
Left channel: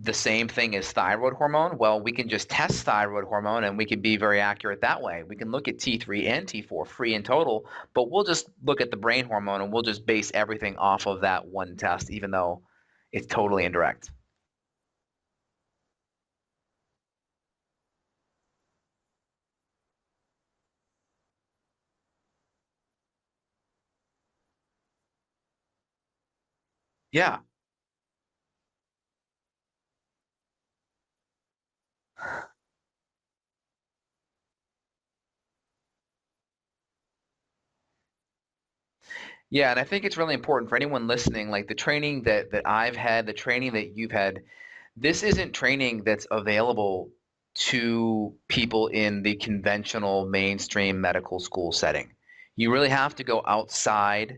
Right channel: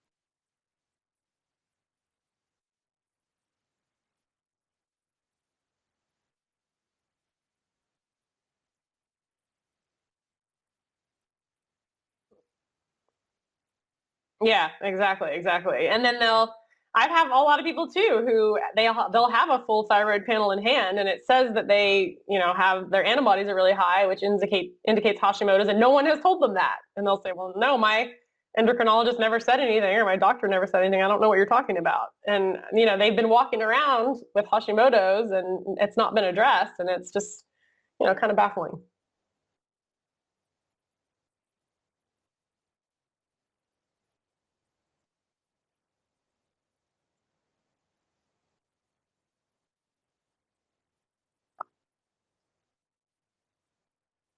the same thing as thyroid hormone? Well, we can just test thyroid hormone and we can be very accurate that way. We can look at T3 and T4 free and total, but we'll just look at the brain hormone and we'll just base everything off of that one test, even though it's totally indirect. Yeah, exactly. And then I have a lot of people too who they'll have a full thyroid panel in hand, and it says that they, have their antibodies are really high, which indicates Hashimoto's, and no one has told them that. And they'll say, well, no, my endocrinologist never said anything, or my doctor never said anything. I don't know what you're talking about. And they've been walking around with Hashimoto's, and it's not been addressed, and it's just kind of baffling. Yeah, and I think it's really important for anyone listening, like the training that I've had, the training that you've had, this isn't training that's available to people in the conventional mainstream medical school setting. You really have to go outside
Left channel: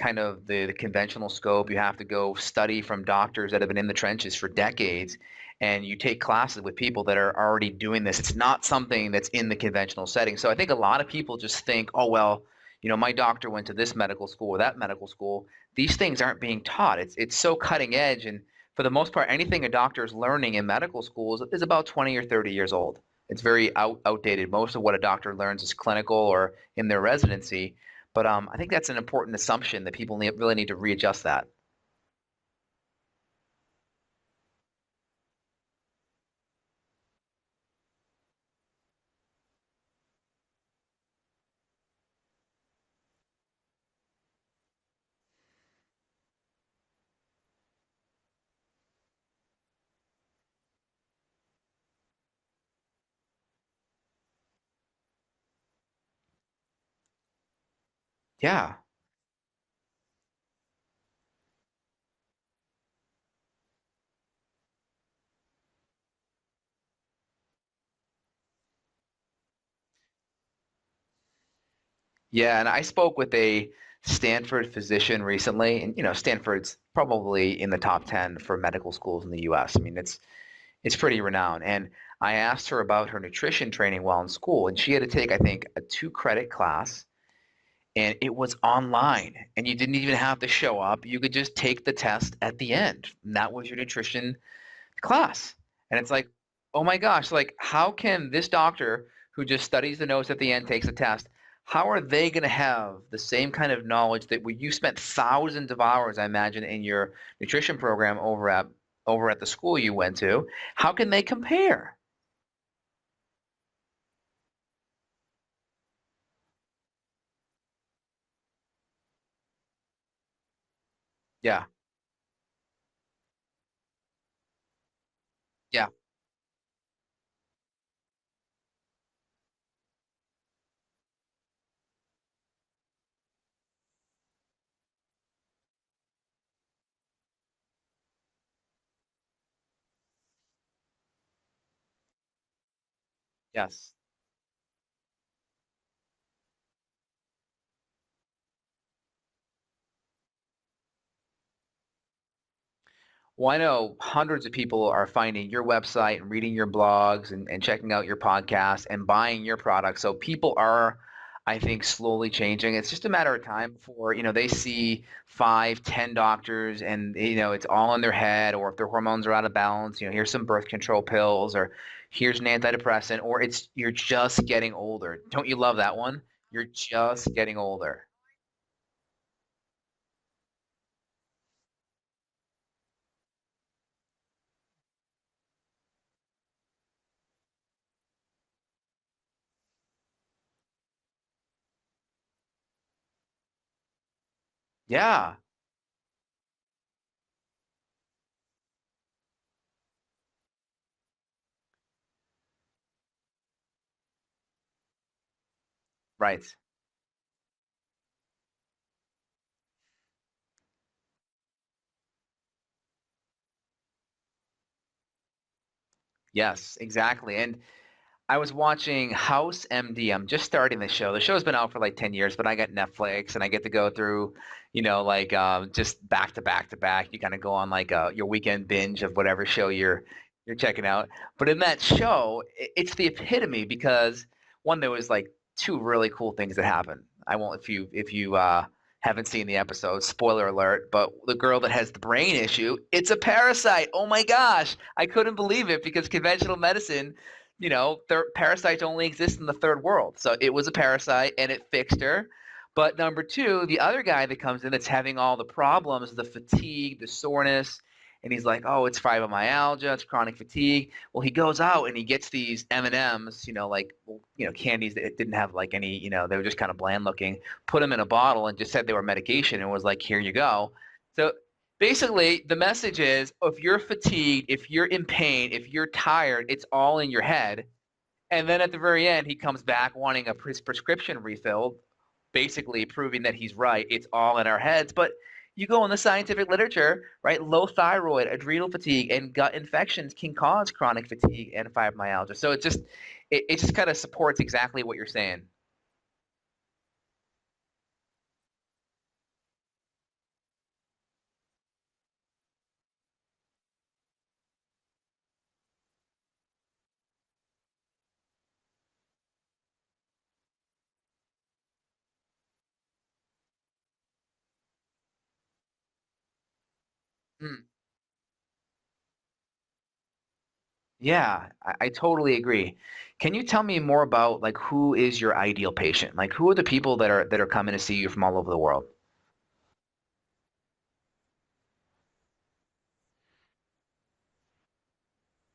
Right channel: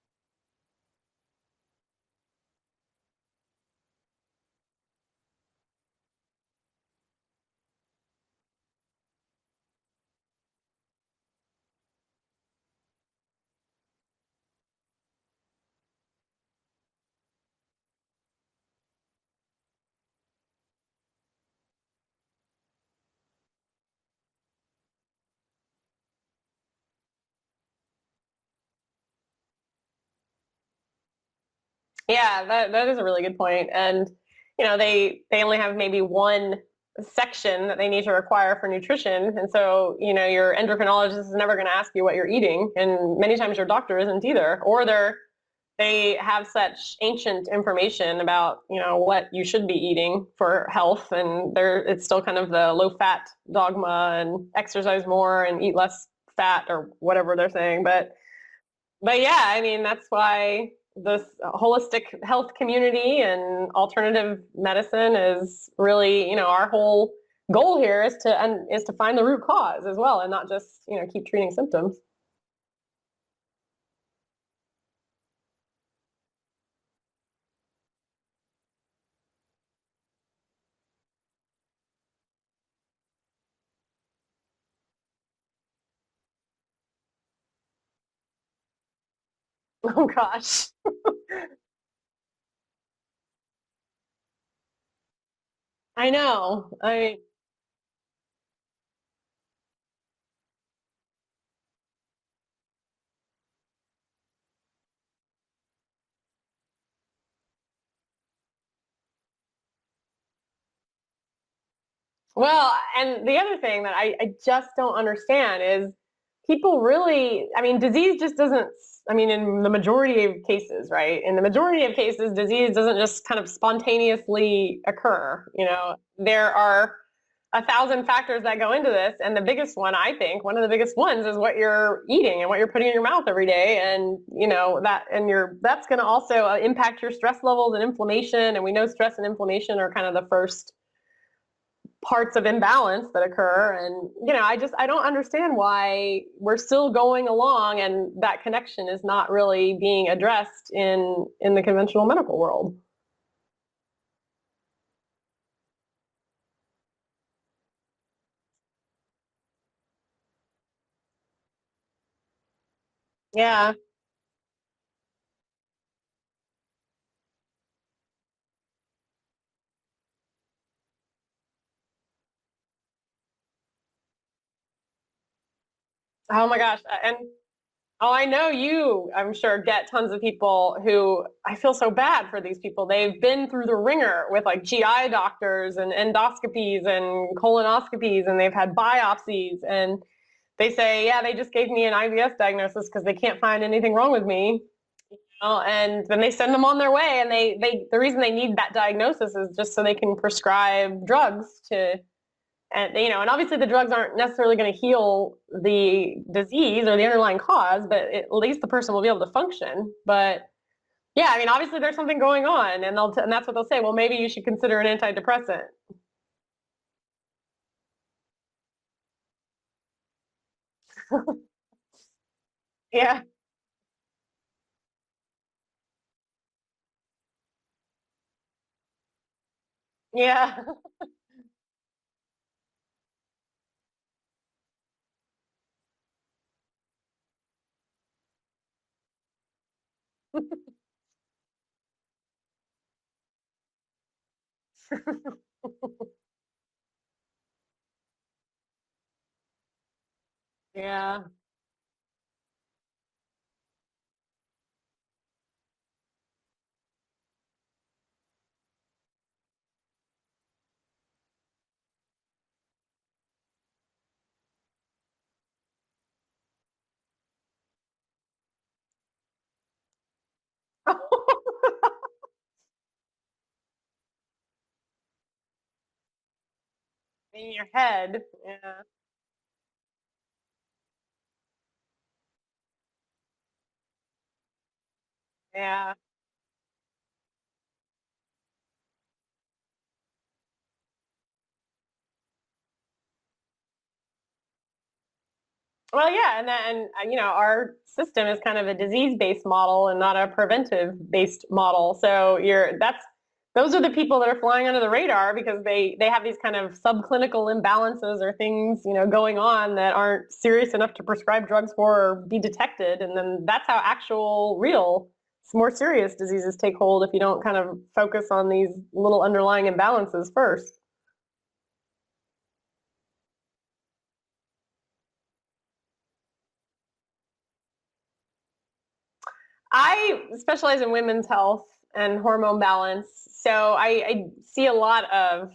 kind of the conventional scope. You have to go study from doctors that have been in the trenches for decades, and you take classes with people that are already doing this. It's not something that's in the conventional setting. So I think a lot of people just think, oh, well, my doctor went to this medical school or that medical school. These things aren't being taught. It's so cutting edge, and for the most part, anything a doctor is learning in medical school is about 20 or 30 years old. It's very outdated. Most of what a doctor learns is clinical or in their residency. But I think that's an important assumption that people really need to readjust that. Yeah, that is a really good point. And, they only have maybe one section that they need to require for nutrition. And so, your endocrinologist is never going to ask you what you're eating. And many times your doctor isn't either, or they have such ancient information about, what you should be eating for health. And it's still kind of the low fat dogma and exercise more and eat less fat or whatever they're saying. But yeah, I mean, that's why this holistic health community and alternative medicine is really, our whole goal here is to find the root cause as well, and not just, keep treating symptoms. Yeah. And I spoke with a Stanford physician recently, and Stanford's probably in the top 10 for medical schools in the US. I mean, it's pretty renowned. And I asked her about her nutrition training while in school, and she had to take, I think, a 2-credit class, and it was online, and you didn't even have to show up. You could just take the test at the end, and that was your nutrition class. And it's oh my gosh, like how can this doctor who just studies the notes at the end, takes a test, how are they going to have the same kind of knowledge that you spent thousands of hours, I imagine, in your nutrition program over at the school you went to? How can they compare? Well, and the other thing that I just don't understand is people really, I mean, disease just doesn't, I mean, in the majority of cases, right? In the majority of cases, disease doesn't just kind of spontaneously occur. There are 1,000 factors that go into this. And the biggest one, I think, one of the biggest ones is what you're eating and what you're putting in your mouth every day. And, that's going to also impact your stress levels and inflammation. And we know stress and inflammation are kind of the first parts of imbalance that occur. Yes. And, I don't understand why we're still going along and that connection is not really being addressed in the conventional medical world. Well, I know hundreds of people are finding your website and reading your blogs and checking out your podcast and buying your products. So people are, I think, slowly changing. It's just a matter of time for, they see 5, 10 doctors and, it's all in their head, or if their hormones are out of balance, here's some birth control pills, or here's an antidepressant, or you're just getting older. Don't you love that one? Oh my gosh. Just getting older. Oh, I know you, I'm sure, get tons of people who, I feel so bad for these people. They've been through the ringer with like GI doctors and endoscopies and colonoscopies, and they've had biopsies, and they say, yeah, they just gave me an IBS diagnosis because they can't find anything wrong with me. Yeah. And then they send them on their way, and the reason they need that diagnosis is just so they can prescribe drugs and obviously the drugs aren't necessarily going to heal the disease or the underlying cause, but at least the person will be able to function. But yeah, I mean, obviously there's something going on, and that's what they'll say. Well, maybe you should consider an antidepressant. Yes, exactly. And I was watching House MD. I'm just starting the show. The show's been out for like 10 years, but I got Netflix and I get to go through, just back to back to back. You kind of go on like your weekend binge of whatever show you're checking out. But in that show, it's the epitome because one, there was like 2 really cool things that happened. I won't, if you haven't seen the episode, spoiler alert, but the girl that has the brain issue, it's a parasite. Oh my gosh. I couldn't believe it because conventional medicine, parasites only exist in the third world. So it was a Yeah. parasite and it fixed her. But number two, the other guy that comes in that's having all the problems, the fatigue, the soreness, and he's like, oh, it's fibromyalgia, it's chronic fatigue. Well, he goes out and he gets these M&Ms, candies that didn't have like any, they were just kind of bland looking, put them in a bottle and just said they were medication and was like, here you go. So basically the message is if you're fatigued, if you're in pain, if you're tired, it's all in your head. In your head. And then at the very end, he comes back wanting a prescription refilled, basically proving that he's right. It's all in our heads. But you go in the scientific literature, right? Low thyroid, adrenal fatigue, and gut infections can cause chronic fatigue and fibromyalgia. So it just kind of supports exactly what you're saying. Well, yeah, and our system is kind of a disease-based model and not a preventive-based model. So those are the people that are flying under the radar because they have these kind of subclinical imbalances or things, going on that aren't serious enough to prescribe drugs for or be detected. And then that's how actual real more serious diseases take hold if you don't kind of focus on these little underlying imbalances first. Yeah, I totally agree. Can you tell me more about like who is your ideal patient? Like who are the people that are coming to see you from all over the world? I specialize in women's health and hormone balance. So I see a lot of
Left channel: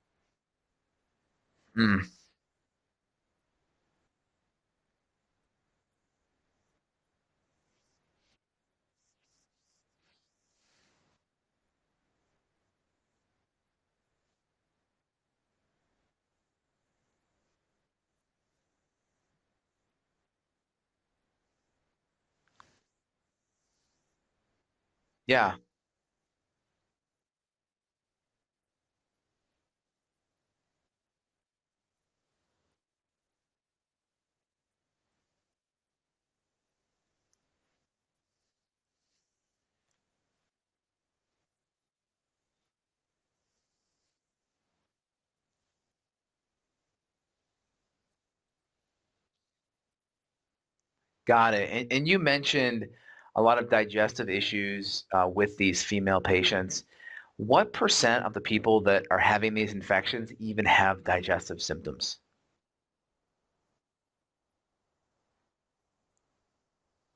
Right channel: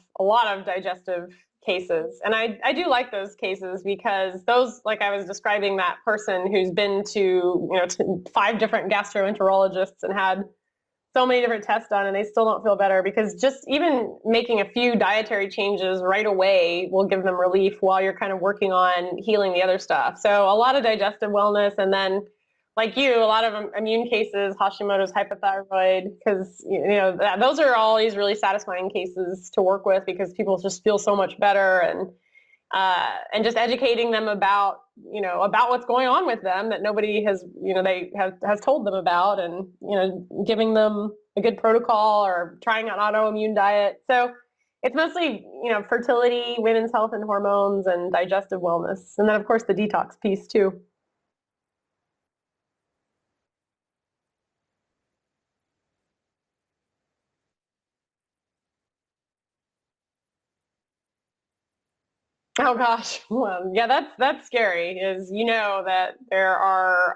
digestive cases. And I do like those cases because those, like I was describing that person who's been to 5 different gastroenterologists and had so many different tests done and they still don't feel better because just even making a few dietary changes right away will give them relief while you're kind of working on healing the other stuff. So a lot of digestive wellness, and then like you, a lot of immune cases, Hashimoto's, hypothyroid, because those are all these really satisfying cases to work with because people just feel so much better, and just educating them about what's going on with them that nobody has has told them about, and giving them a good protocol or trying an autoimmune diet. So it's mostly fertility, women's health and hormones, and digestive wellness, and then of course the detox piece too. Got it. And you mentioned a lot of digestive issues with these female patients. What % of the people that are having these infections even have digestive symptoms? Oh gosh, well, yeah, that's scary. Is that there are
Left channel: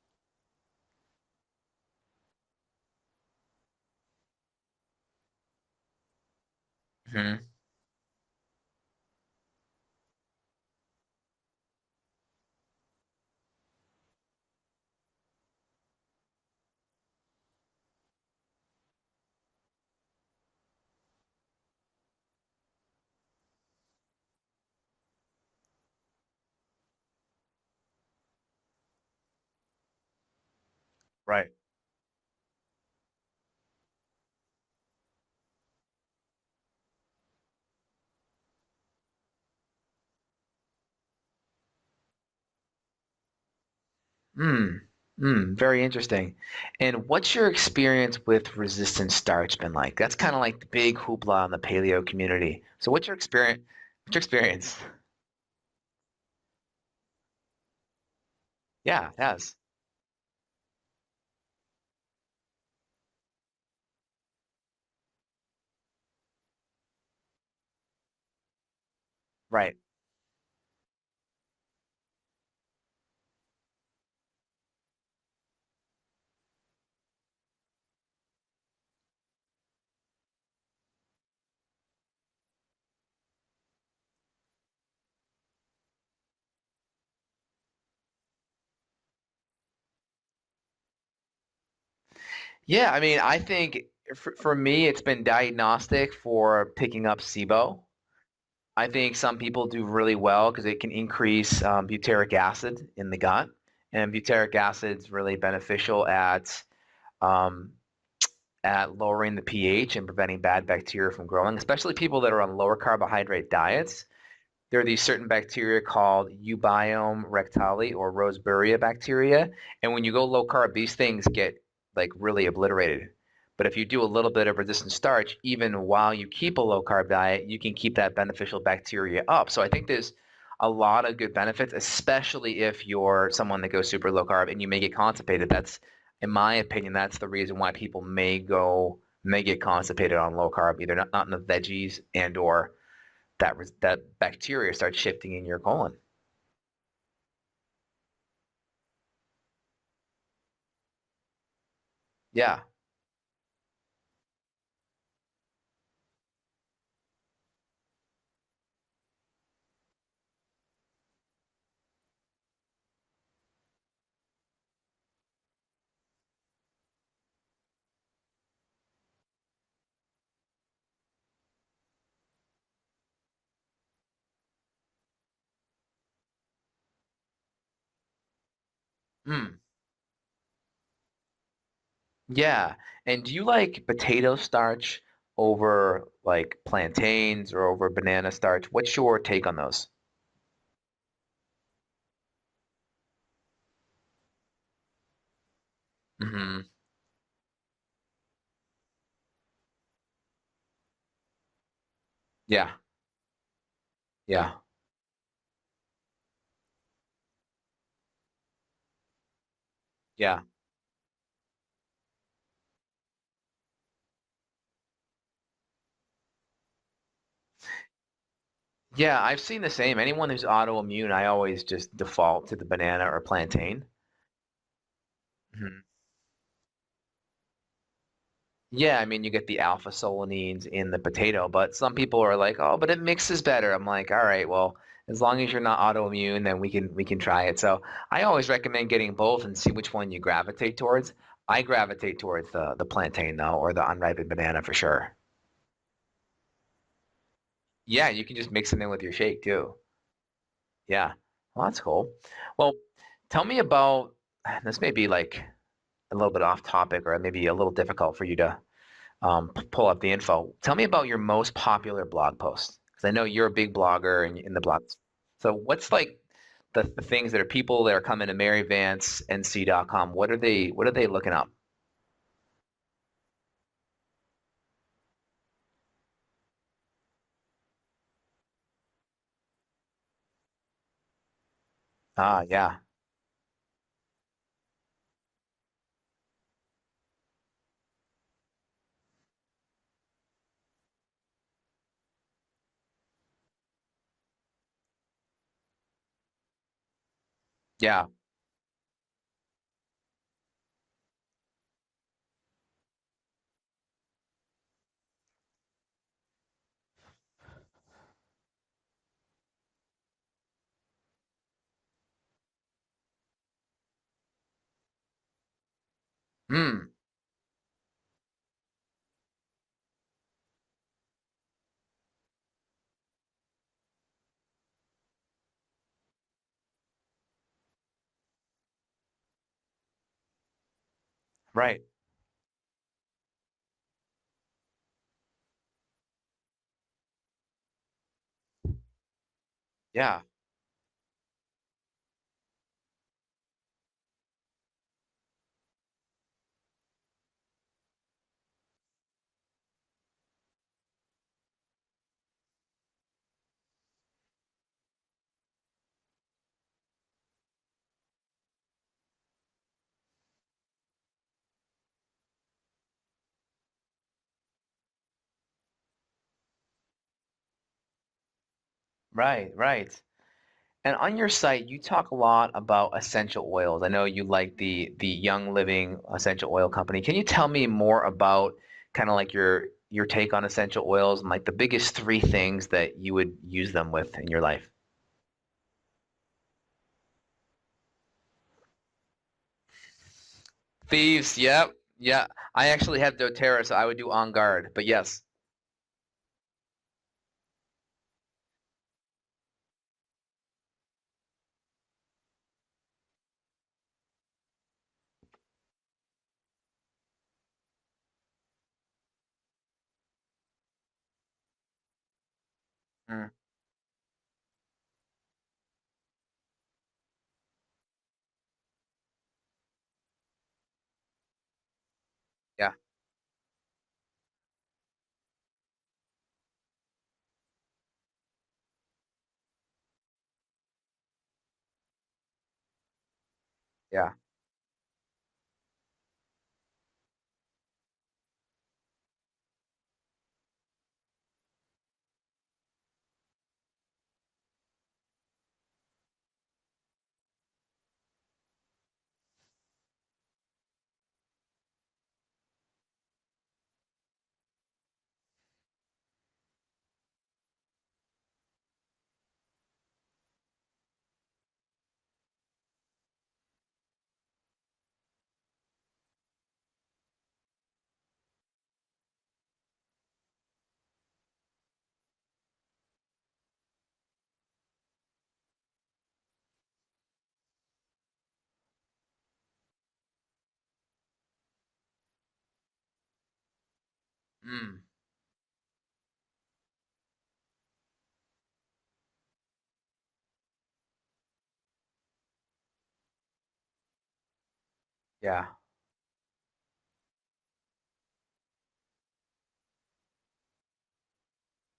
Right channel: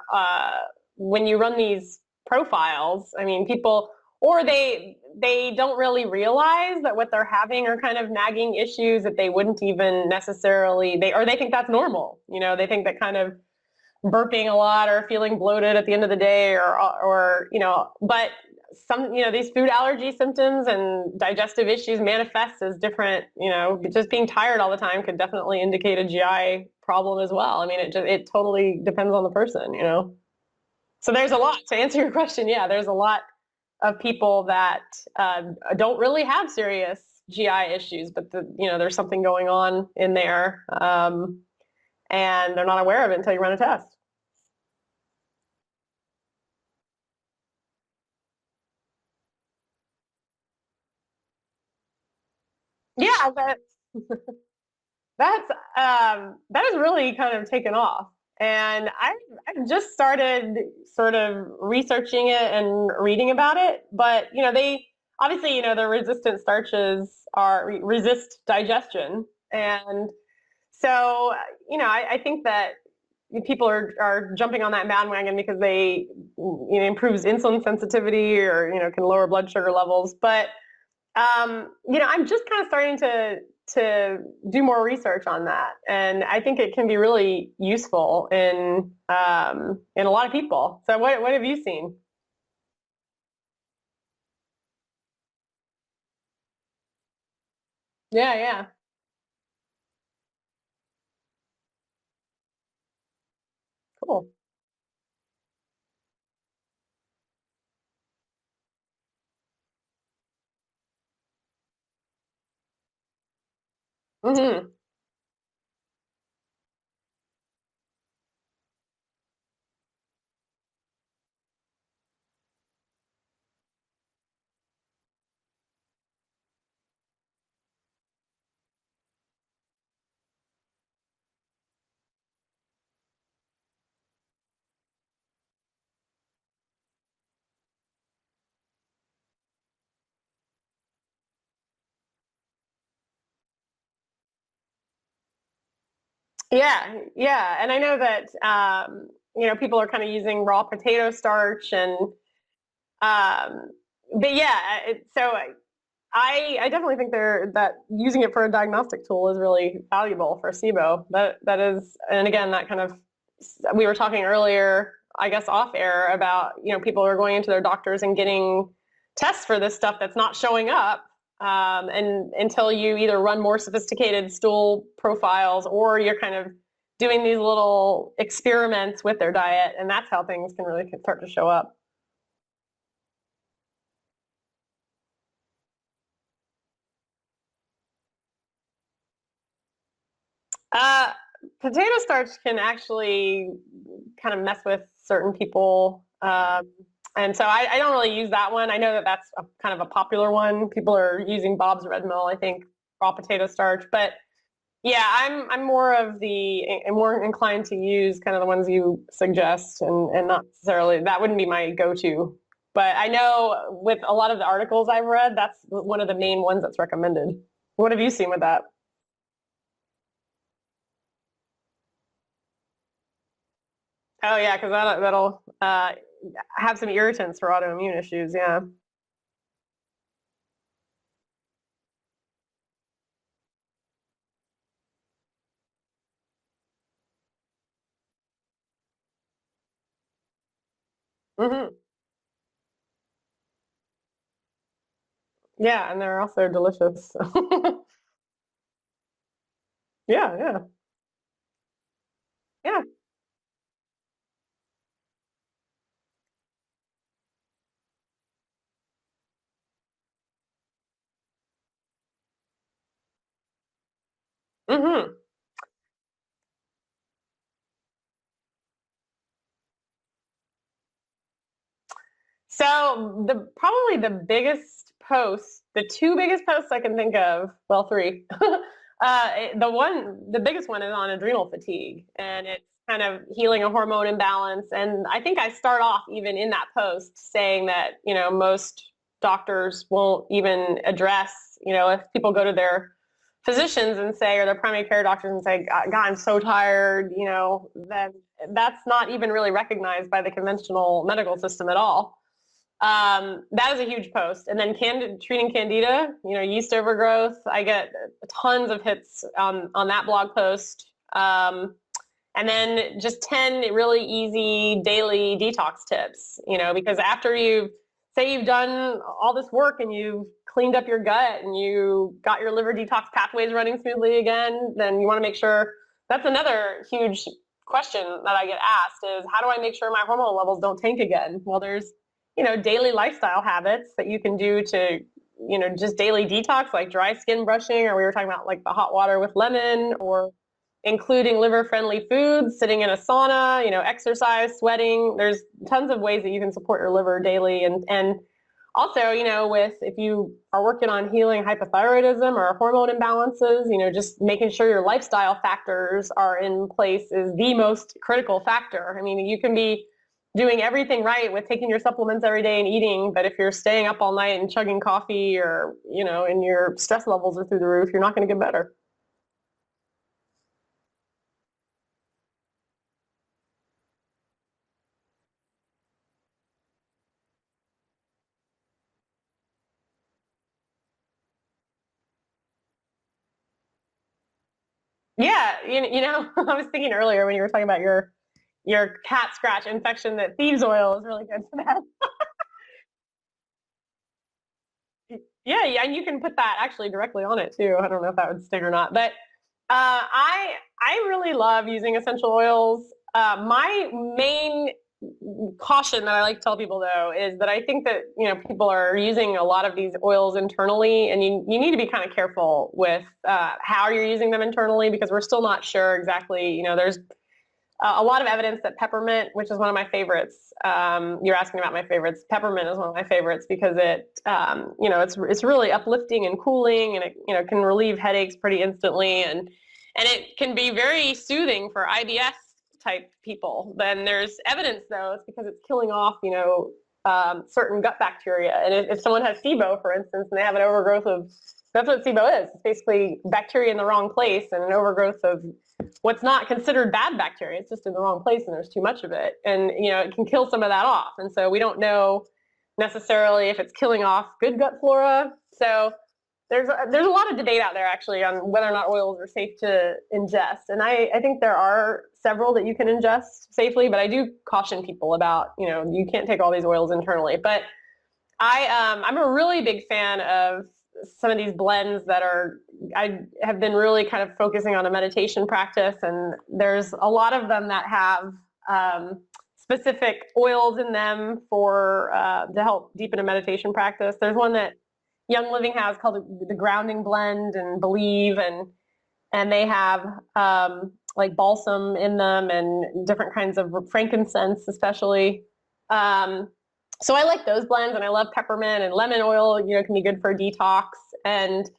when you run these profiles, I mean, people or they don't really realize that what they're having are kind of nagging issues that they wouldn't even necessarily they think that's normal. They think that kind of burping a lot or feeling bloated at the end of the day or but some these food allergy symptoms and digestive issues manifest as different. Just being tired all the time could definitely indicate a GI problem as well. I mean, it totally depends on the person. So there's a lot to answer your question. Yeah, there's a lot of people that don't really have serious GI issues, but there's something going on in there. And they're not aware of it until you run a test. Very interesting. And what's your experience with resistant starch been like? That's kind of like the big hoopla in the paleo community. So what's your experience? What's your experience? That has really kind of taken off. And I've just started sort of researching it and reading about it. But, they obviously, the resistant starches resist digestion. Right. And so, I think that people are jumping on that bandwagon because they improves insulin sensitivity or can lower blood sugar levels. But I'm just kind of starting to do more research on that, and I think it can be really useful in a lot of people. So what have you seen? Yeah, I mean, I think for me, it's been diagnostic for picking up SIBO. Yeah. I think some people do really well because it can increase butyric acid in the gut, and butyric acid is really beneficial at lowering the pH and preventing bad bacteria from growing, especially people that are on lower carbohydrate diets. There are these certain bacteria called Eubiome rectali or Roseburia bacteria, and when you go low carb, these things get like really obliterated. But if you do a little bit of resistant starch, even while you keep a low carb diet, you can keep that beneficial bacteria up. So I think there's a lot of good benefits, especially if you're someone that goes super low carb and you may get constipated. That's in my opinion, that's the reason why people may get constipated on low carb, either not in the veggies and or that bacteria starts shifting in your colon. Yeah, yeah, and I know that people are kind of using raw potato starch and Yeah. but yeah, so I definitely think that using it for a diagnostic tool is really valuable for SIBO. That is, and again, that kind of, we were talking earlier, I guess off air, about people are going into their doctors and getting tests for this stuff that's not showing up, and until you either run more sophisticated stool profiles or you're kind of doing these little experiments with their diet, and that's how things can really start to show up. Yeah. And do you like potato starch over like plantains or over banana starch? What's your take on those? Potato starch can actually kind of mess with certain people. And so I don't really use that one. I know that that's kind of a popular one. People are using Bob's Red Mill, I think, raw potato starch. But yeah, I'm more inclined to use kind of the ones you suggest, and not necessarily, that wouldn't be my go-to. But I know with a lot of the articles I've read, that's one of the main ones that's recommended. What have you seen with that? Yeah, I've seen the same. Anyone who's autoimmune, I always just default to the banana or plantain. Oh yeah, because that'll have some irritants for autoimmune issues. Yeah. Yeah, I mean, you get the alpha solanines in the potato, but some people are like, oh, but it mixes better. I'm like, all right, well, as long as you're not autoimmune, then we can try it. So I always recommend getting both and see which one you gravitate towards. I gravitate towards the plantain though, or the unripened banana for sure. Yeah, and they're also delicious. Yeah, you can just mix them in with your shake too. Yeah. Yeah. Well, that's cool. Well, tell me about, this may be like a little bit off topic or maybe a little difficult for you to pull up the info. Tell me about your most popular blog post, because I know you're a big blogger in the blog. So what's like the things that are people that are coming to maryvancenc.com? What are they looking up? So probably the biggest posts, the two biggest posts I can think of, well, three. The biggest one is on adrenal fatigue. And it's kind of healing a hormone imbalance. And I think I start off even in that post saying that, most doctors won't even address, if people go to their physicians and say, or their primary care doctors and say, God, I'm so tired, that's not even really recognized by the conventional medical system at all. That is a huge post. And then treating candida, yeast overgrowth. I get tons of hits on that blog post. And then just 10 really easy daily detox tips, because after you've done all this work and you've cleaned up your gut and you got your liver detox pathways running smoothly again, then you want to make sure. That's another huge question that I get asked is, how do I make sure my hormone levels don't tank again? Well, there's daily lifestyle habits that you can do to, just daily detox, like dry skin brushing, or we were talking about like the hot water with lemon, or including liver-friendly foods, sitting in a sauna, exercise, sweating. There's tons of ways that you can support your liver daily. And also, if you are working on healing hypothyroidism or hormone imbalances, just making sure your lifestyle factors are in place is the most critical factor. I mean, you can be doing everything right with taking your supplements every day and eating, but if you're staying up all night and chugging coffee, or and your stress levels are through the roof, you're not going to get better. Right. And on your site, you talk a lot about essential oils. I know you like the Young Living essential oil company. Can you tell me more about kind of like your take on essential oils and like the biggest three things that you would use them with in your life? Yeah, I was thinking earlier when you were talking about your cat scratch infection that thieves oil. Thieves, yep. I actually have doTERRA, so I would do On Guard, but yes. Yeah, and you can put that actually directly on it too. I don't know if that would sting or not, but I really love using essential oils. My main caution that I like to tell people though is that I think that people are using a lot of these oils internally, and you need to be kind of careful with how you're using them internally, because we're still not sure exactly. There's a lot of evidence that peppermint, which is one of my favorites, you're asking about my favorites. Peppermint is one of my favorites because it, it's really uplifting and cooling, and it can relieve headaches pretty instantly, and it can be very soothing for IBS type people. Then there's evidence, though, it's because it's killing off, certain gut bacteria. And if someone has SIBO, for instance, and they have an overgrowth of, that's what SIBO is. It's basically bacteria in the wrong place and an overgrowth of what's not considered bad bacteria. It's just in the wrong place and there's too much of it. And, it can kill some of that off. And so we don't know necessarily if it's killing off good gut flora. So there's a lot of debate out there actually on whether or not oils are safe to ingest. And I think there are several that you can ingest safely, but I do caution people about, you can't take all these oils internally. But I'm a really big fan of some of these blends I have been really kind of focusing on a meditation practice, and there's a lot of them that have specific oils in them for to help deepen a meditation practice. There's one that Young Living has called the Grounding Blend and Believe, and they have like balsam in them and different kinds of frankincense, especially. Yeah. So I like those blends, and I love peppermint and lemon oil. Can be good for detox, and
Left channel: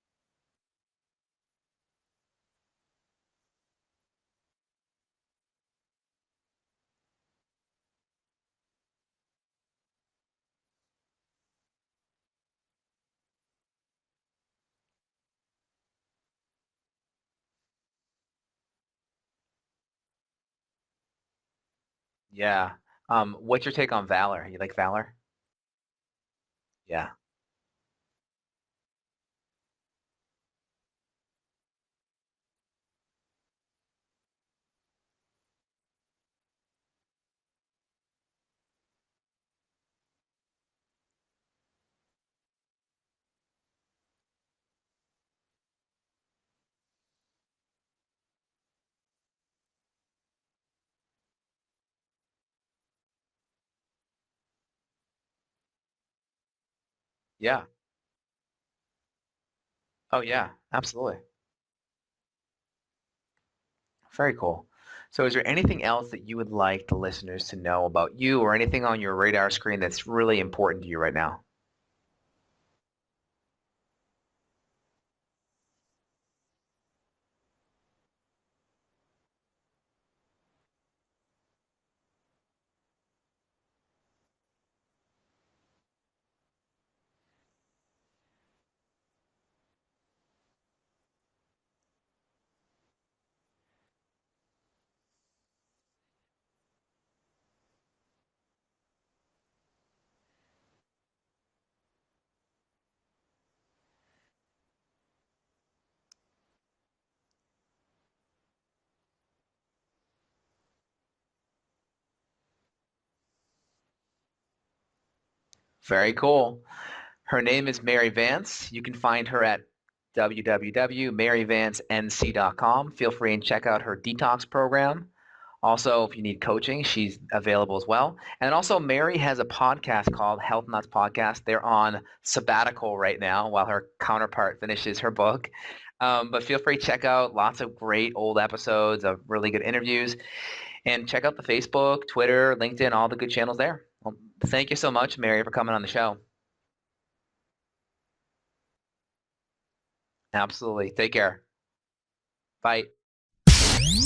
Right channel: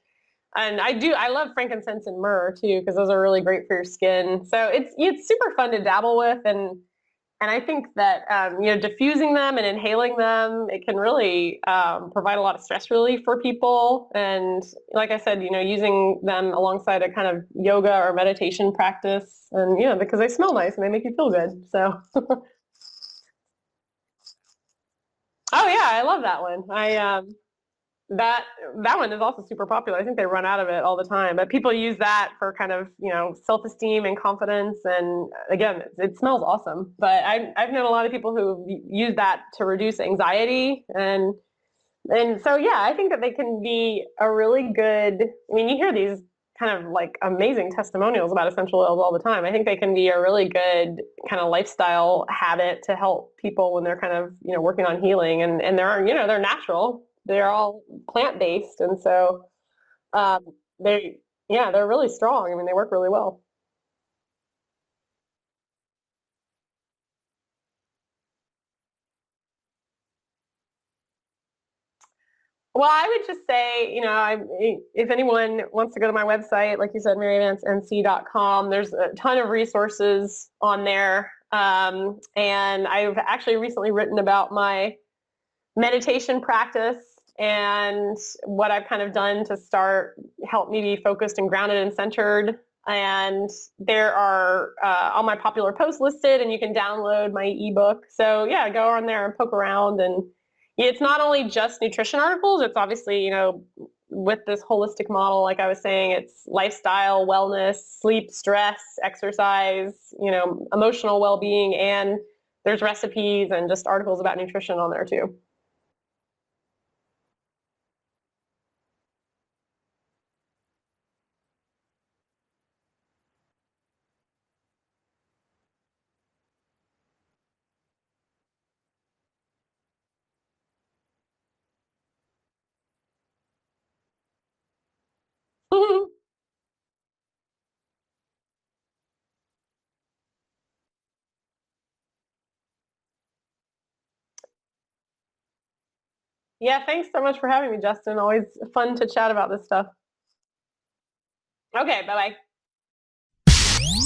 I love frankincense and myrrh too, because those are really great for your skin. So it's super fun to dabble with, and I think that diffusing them and inhaling them, it can really provide a lot of stress relief for people. And like I said, using them alongside a kind of yoga or meditation practice, and because they smell nice and they make you feel good. So yeah. What's your take on Valor? You like Valor? Oh yeah, I love that one. That one is also super popular. I think they run out of it all the time, but people use that for kind of, self-esteem and confidence. And again, it smells awesome, but I've known a lot of people who use that to reduce anxiety. And so, yeah, I think that they can be a really good, you hear these kind of like amazing testimonials about essential oils all the time. I think they can be a really good kind of lifestyle habit to help people when they're kind of, working on healing, and they're, they're natural. They're all plant-based. And so, absolutely. They're really strong. They work really well. Very cool. So is there anything else that you would like the listeners to know about you, or anything on your radar screen that's really important to you right now? Well, I would just say, if anyone wants to go to my website, like you said, maryvancenc.com, there's a ton of resources on there. And I've actually recently written about my meditation practice and what I've kind of done to help me be focused and grounded and centered. And there are all my popular posts listed, and you can download my ebook. So yeah, go on there and poke around. And it's not only just nutrition articles. It's obviously, with this holistic model, like I was saying, it's lifestyle, wellness, sleep, stress, exercise, emotional well-being, and there's recipes and just articles about nutrition on there too. Very cool. Her name is Mary Vance. You can find her at www.maryvancenc.com. Feel free and check out her detox program. Also, if you need coaching, she's available as well. And also, Mary has a podcast called Health Nuts Podcast. They're on sabbatical right now while her counterpart finishes her book. But feel free to check out lots of great old episodes of really good interviews. And check out the Facebook, Twitter, LinkedIn, all the good channels there. Well, thank you so much, Mary, for coming on the show. Yeah, thanks so much for having me, Justin. Always fun to chat about this stuff. Absolutely. Take care. Okay, bye-bye. Bye.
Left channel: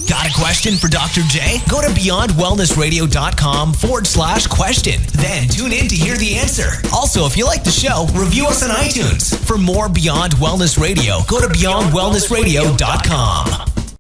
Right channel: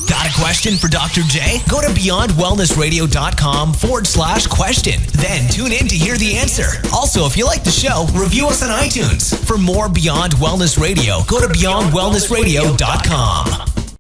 Got a question for Dr. J? Go to beyondwellnessradio.com/question. Then tune in to hear the answer. Also, if you like the show, review us on iTunes. For more Beyond Wellness Radio, go to beyondwellnessradio.com.